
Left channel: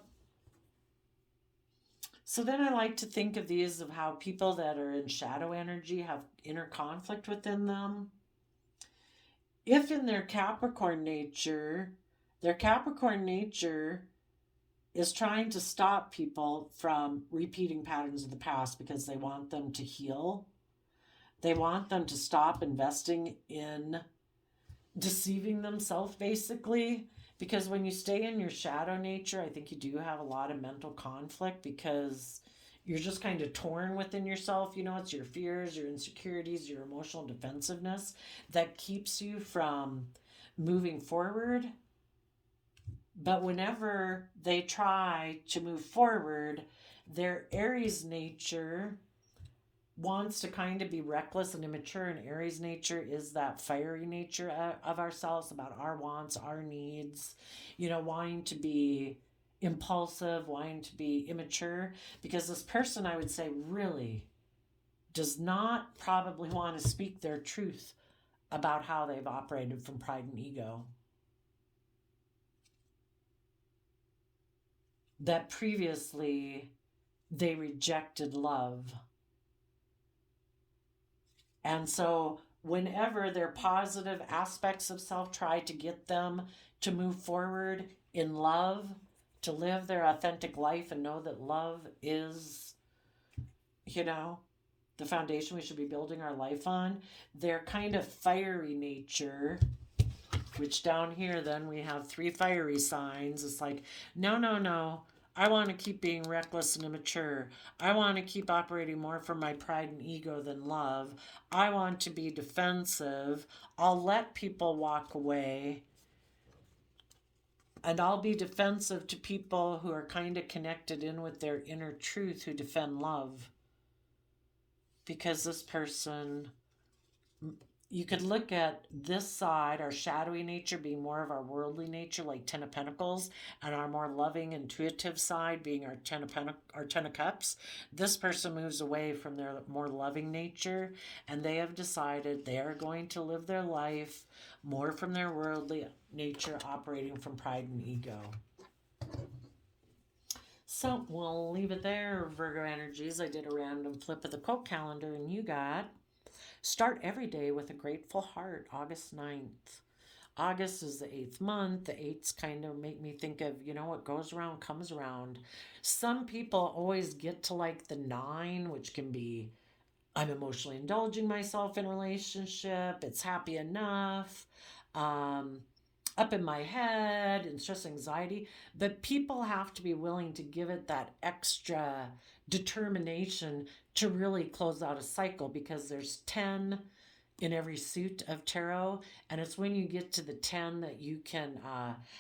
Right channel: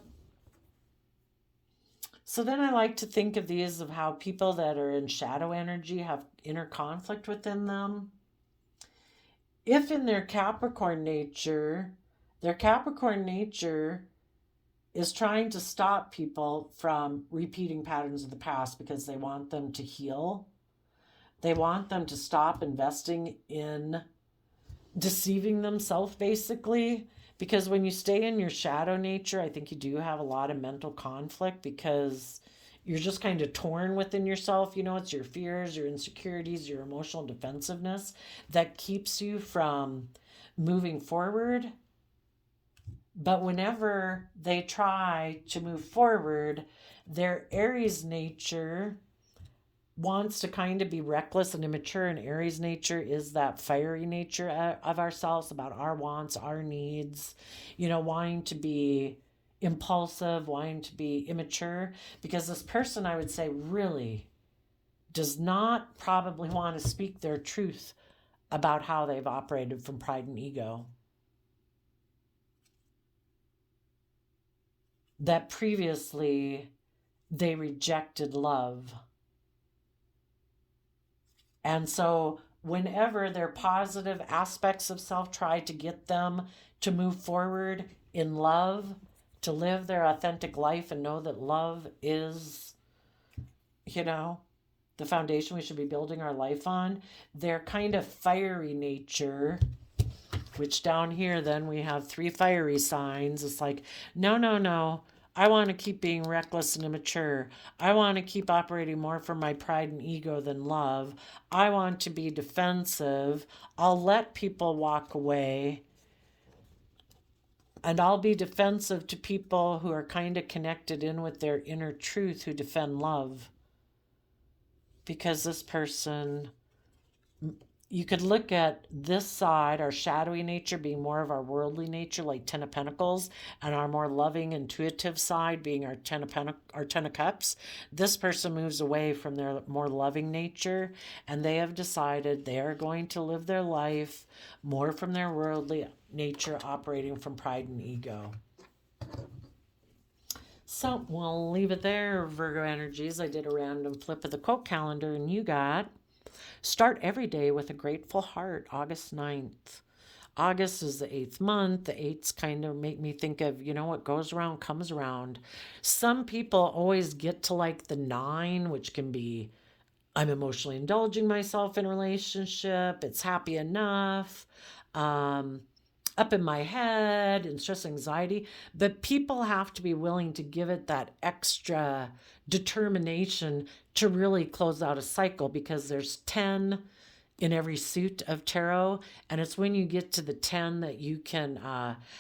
So then I like to think of these of how people that are in shadow energy have inner conflict within them. If in their Capricorn nature is trying to stop people from repeating patterns of the past because they want them to heal. They want them to stop investing in deceiving themselves, basically. Because when you stay in your shadow nature, I think you do have a lot of mental conflict because you're just kind of torn within yourself. It's your fears, your insecurities, your emotional defensiveness that keeps you from moving forward. But whenever they try to move forward, their Aries nature wants to kind of be reckless and immature, and Aries nature is that fiery nature of ourselves, about our wants, our needs, wanting to be impulsive, wanting to be immature. Because this person, I would say, really does not probably want to speak their truth about how they've operated from pride and ego. That previously they rejected love. And so, whenever their positive aspects of self try to get them to move forward in love, to live their authentic life and know that love is, you know, the foundation we should be building our life on, their kind of fiery nature, which down here then we have 3 fiery signs. It's like, no, no, no. I want to keep being reckless and immature. I want to keep operating more from my pride and ego than love. I want to be defensive. I'll let people walk away. And I'll be defensive to people who are kind of connected in with their inner truth, who defend love. Because this person, you could look at this side, our shadowy nature, being more of our worldly nature, like 10 of Pentacles, and our more loving, intuitive side being our 10 of Cups. This person moves away from their more loving nature, and they have decided they are going to live their life more from their worldly nature, operating from pride and ego. So we'll leave it there, Virgo energies. I did a random flip of the quote calendar, and you got: start every day with a grateful heart, August 9th. August is the 8th month. The 8s kind of make me think of, what goes around comes around. Some people always get to like the 9, which can be I'm emotionally indulging myself in a relationship. It's happy enough. Um, Up in my head and stress anxiety. But people have to be willing to give it that extra determination to really close out a cycle, because there's 10 in every suit of tarot, and it's when you get to the 10 that you can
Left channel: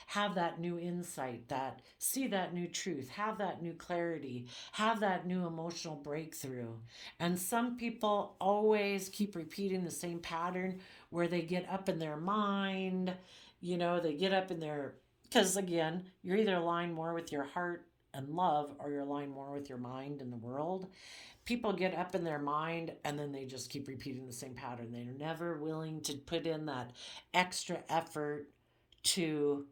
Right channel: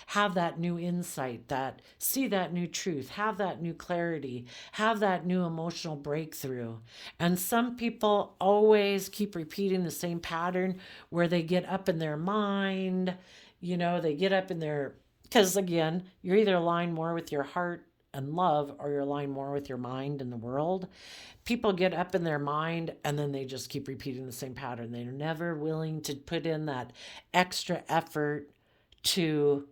have that new insight, that see that new truth, have that new clarity, have that new emotional breakthrough. And some people always keep repeating the same pattern where they get up in their mind, they get up in their, because again, you're either aligned more with your heart and love, or you're aligned more with your mind and the world. People get up in their mind and then they just keep repeating the same pattern. They're never willing to put in that extra effort to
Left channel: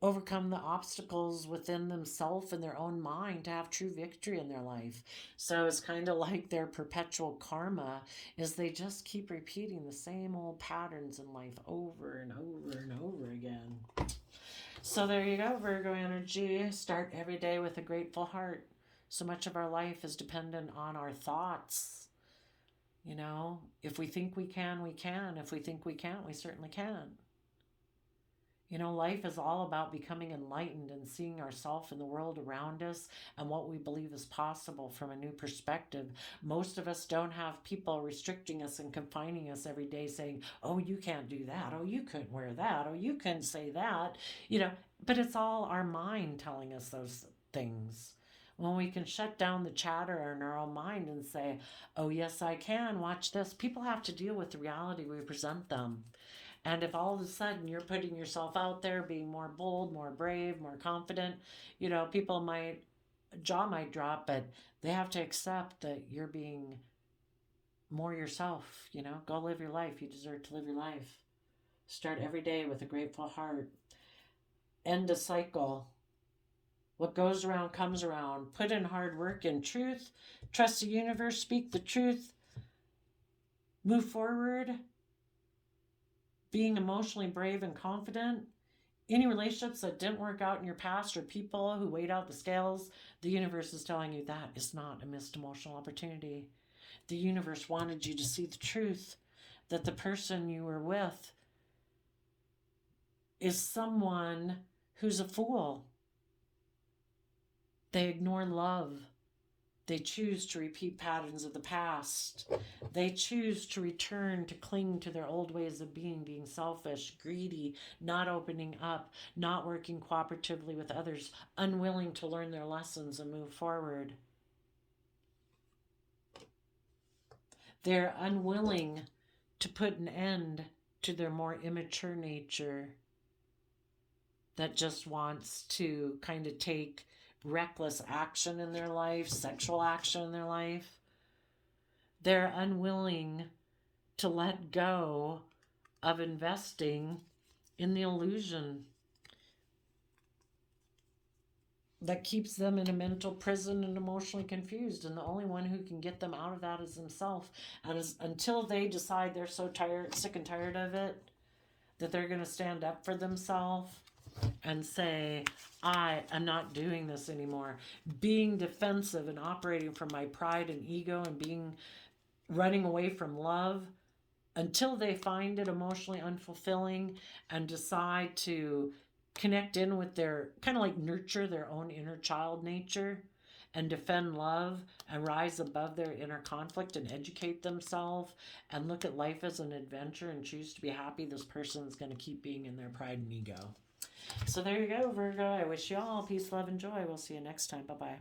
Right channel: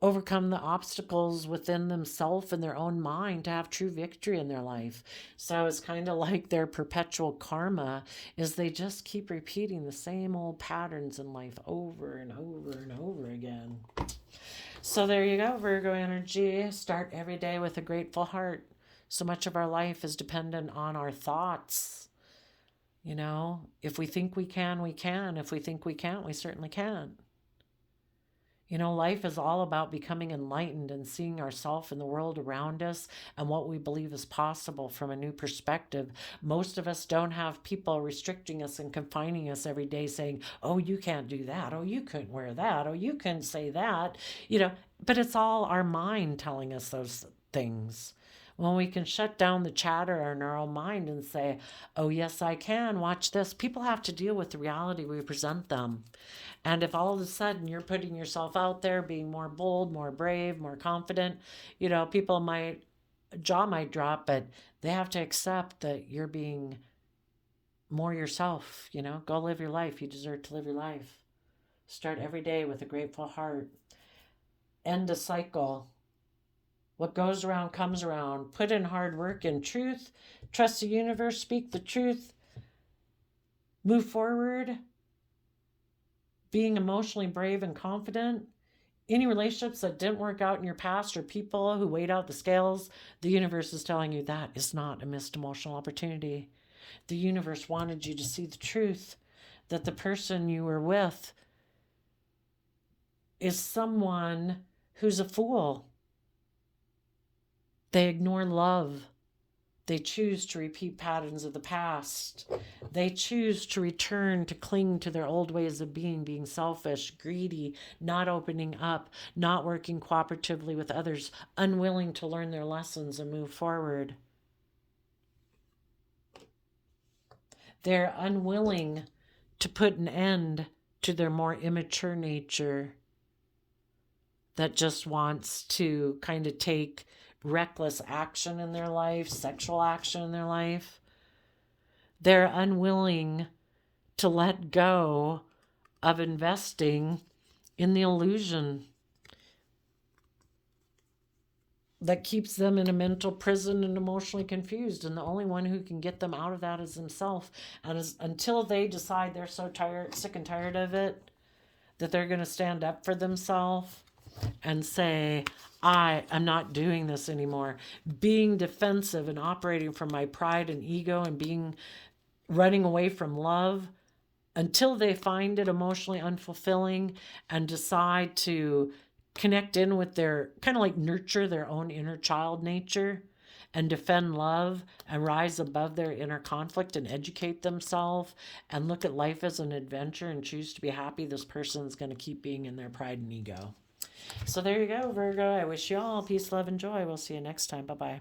overcome the obstacles within themselves and their own mind to have true victory in their life. So it's kind of like their perpetual karma is they just keep repeating the same old patterns in life over and over and over again. So there you go, Virgo energy. Start every day with a grateful heart. So much of our life is dependent on our thoughts. If we think we can, we can. If we think we can't, we certainly can. Life is all about becoming enlightened and seeing ourselves and the world around us and what we believe is possible from a new perspective. Most of us don't have people restricting us and confining us every day saying, oh, you can't do that. Oh, you couldn't wear that. Oh, you couldn't say that. But it's all our mind telling us those things. When we can shut down the chatter in our own mind and say, oh, yes, I can, watch this. People have to deal with the reality we present them. And if all of a sudden you're putting yourself out there, being more bold, more brave, more confident, people jaw might drop, but they have to accept that you're being more yourself. Go live your life. You deserve to live your life. Start every day with a grateful heart. End a cycle. What goes around comes around. Put in hard work and truth. Trust the universe. Speak the truth. Move forward. Being emotionally brave and confident. Any relationships that didn't work out in your past, or people who weighed out the scales, the universe is telling you that is not a missed emotional opportunity. The universe wanted you to see the truth, that the person you were with is someone who's a fool. They ignore love. They choose to repeat patterns of the past. They choose to return to cling to their old ways of being selfish, greedy, not opening up, not working cooperatively with others, unwilling to learn their lessons and move forward. They're unwilling to put an end to their more immature nature that just wants to kind of take reckless action in their life, sexual action in their life. They're unwilling to let go of investing in the illusion that keeps them in a mental prison and emotionally confused. And the only one who can get them out of that is themselves. And until they decide they're so tired, sick and tired of it, that they're going to stand up for themselves and say, I am not doing this anymore. Being defensive and operating from my pride and ego and running away from love, until they find it emotionally unfulfilling and decide to connect in with their, kind of like nurture their own inner child nature and defend love and rise above their inner conflict and educate themselves and look at life as an adventure and choose to be happy, this person's going to keep being in their pride and ego. So there you go, Virgo. I wish you all peace, love, and joy. We'll see you next time. Bye-bye.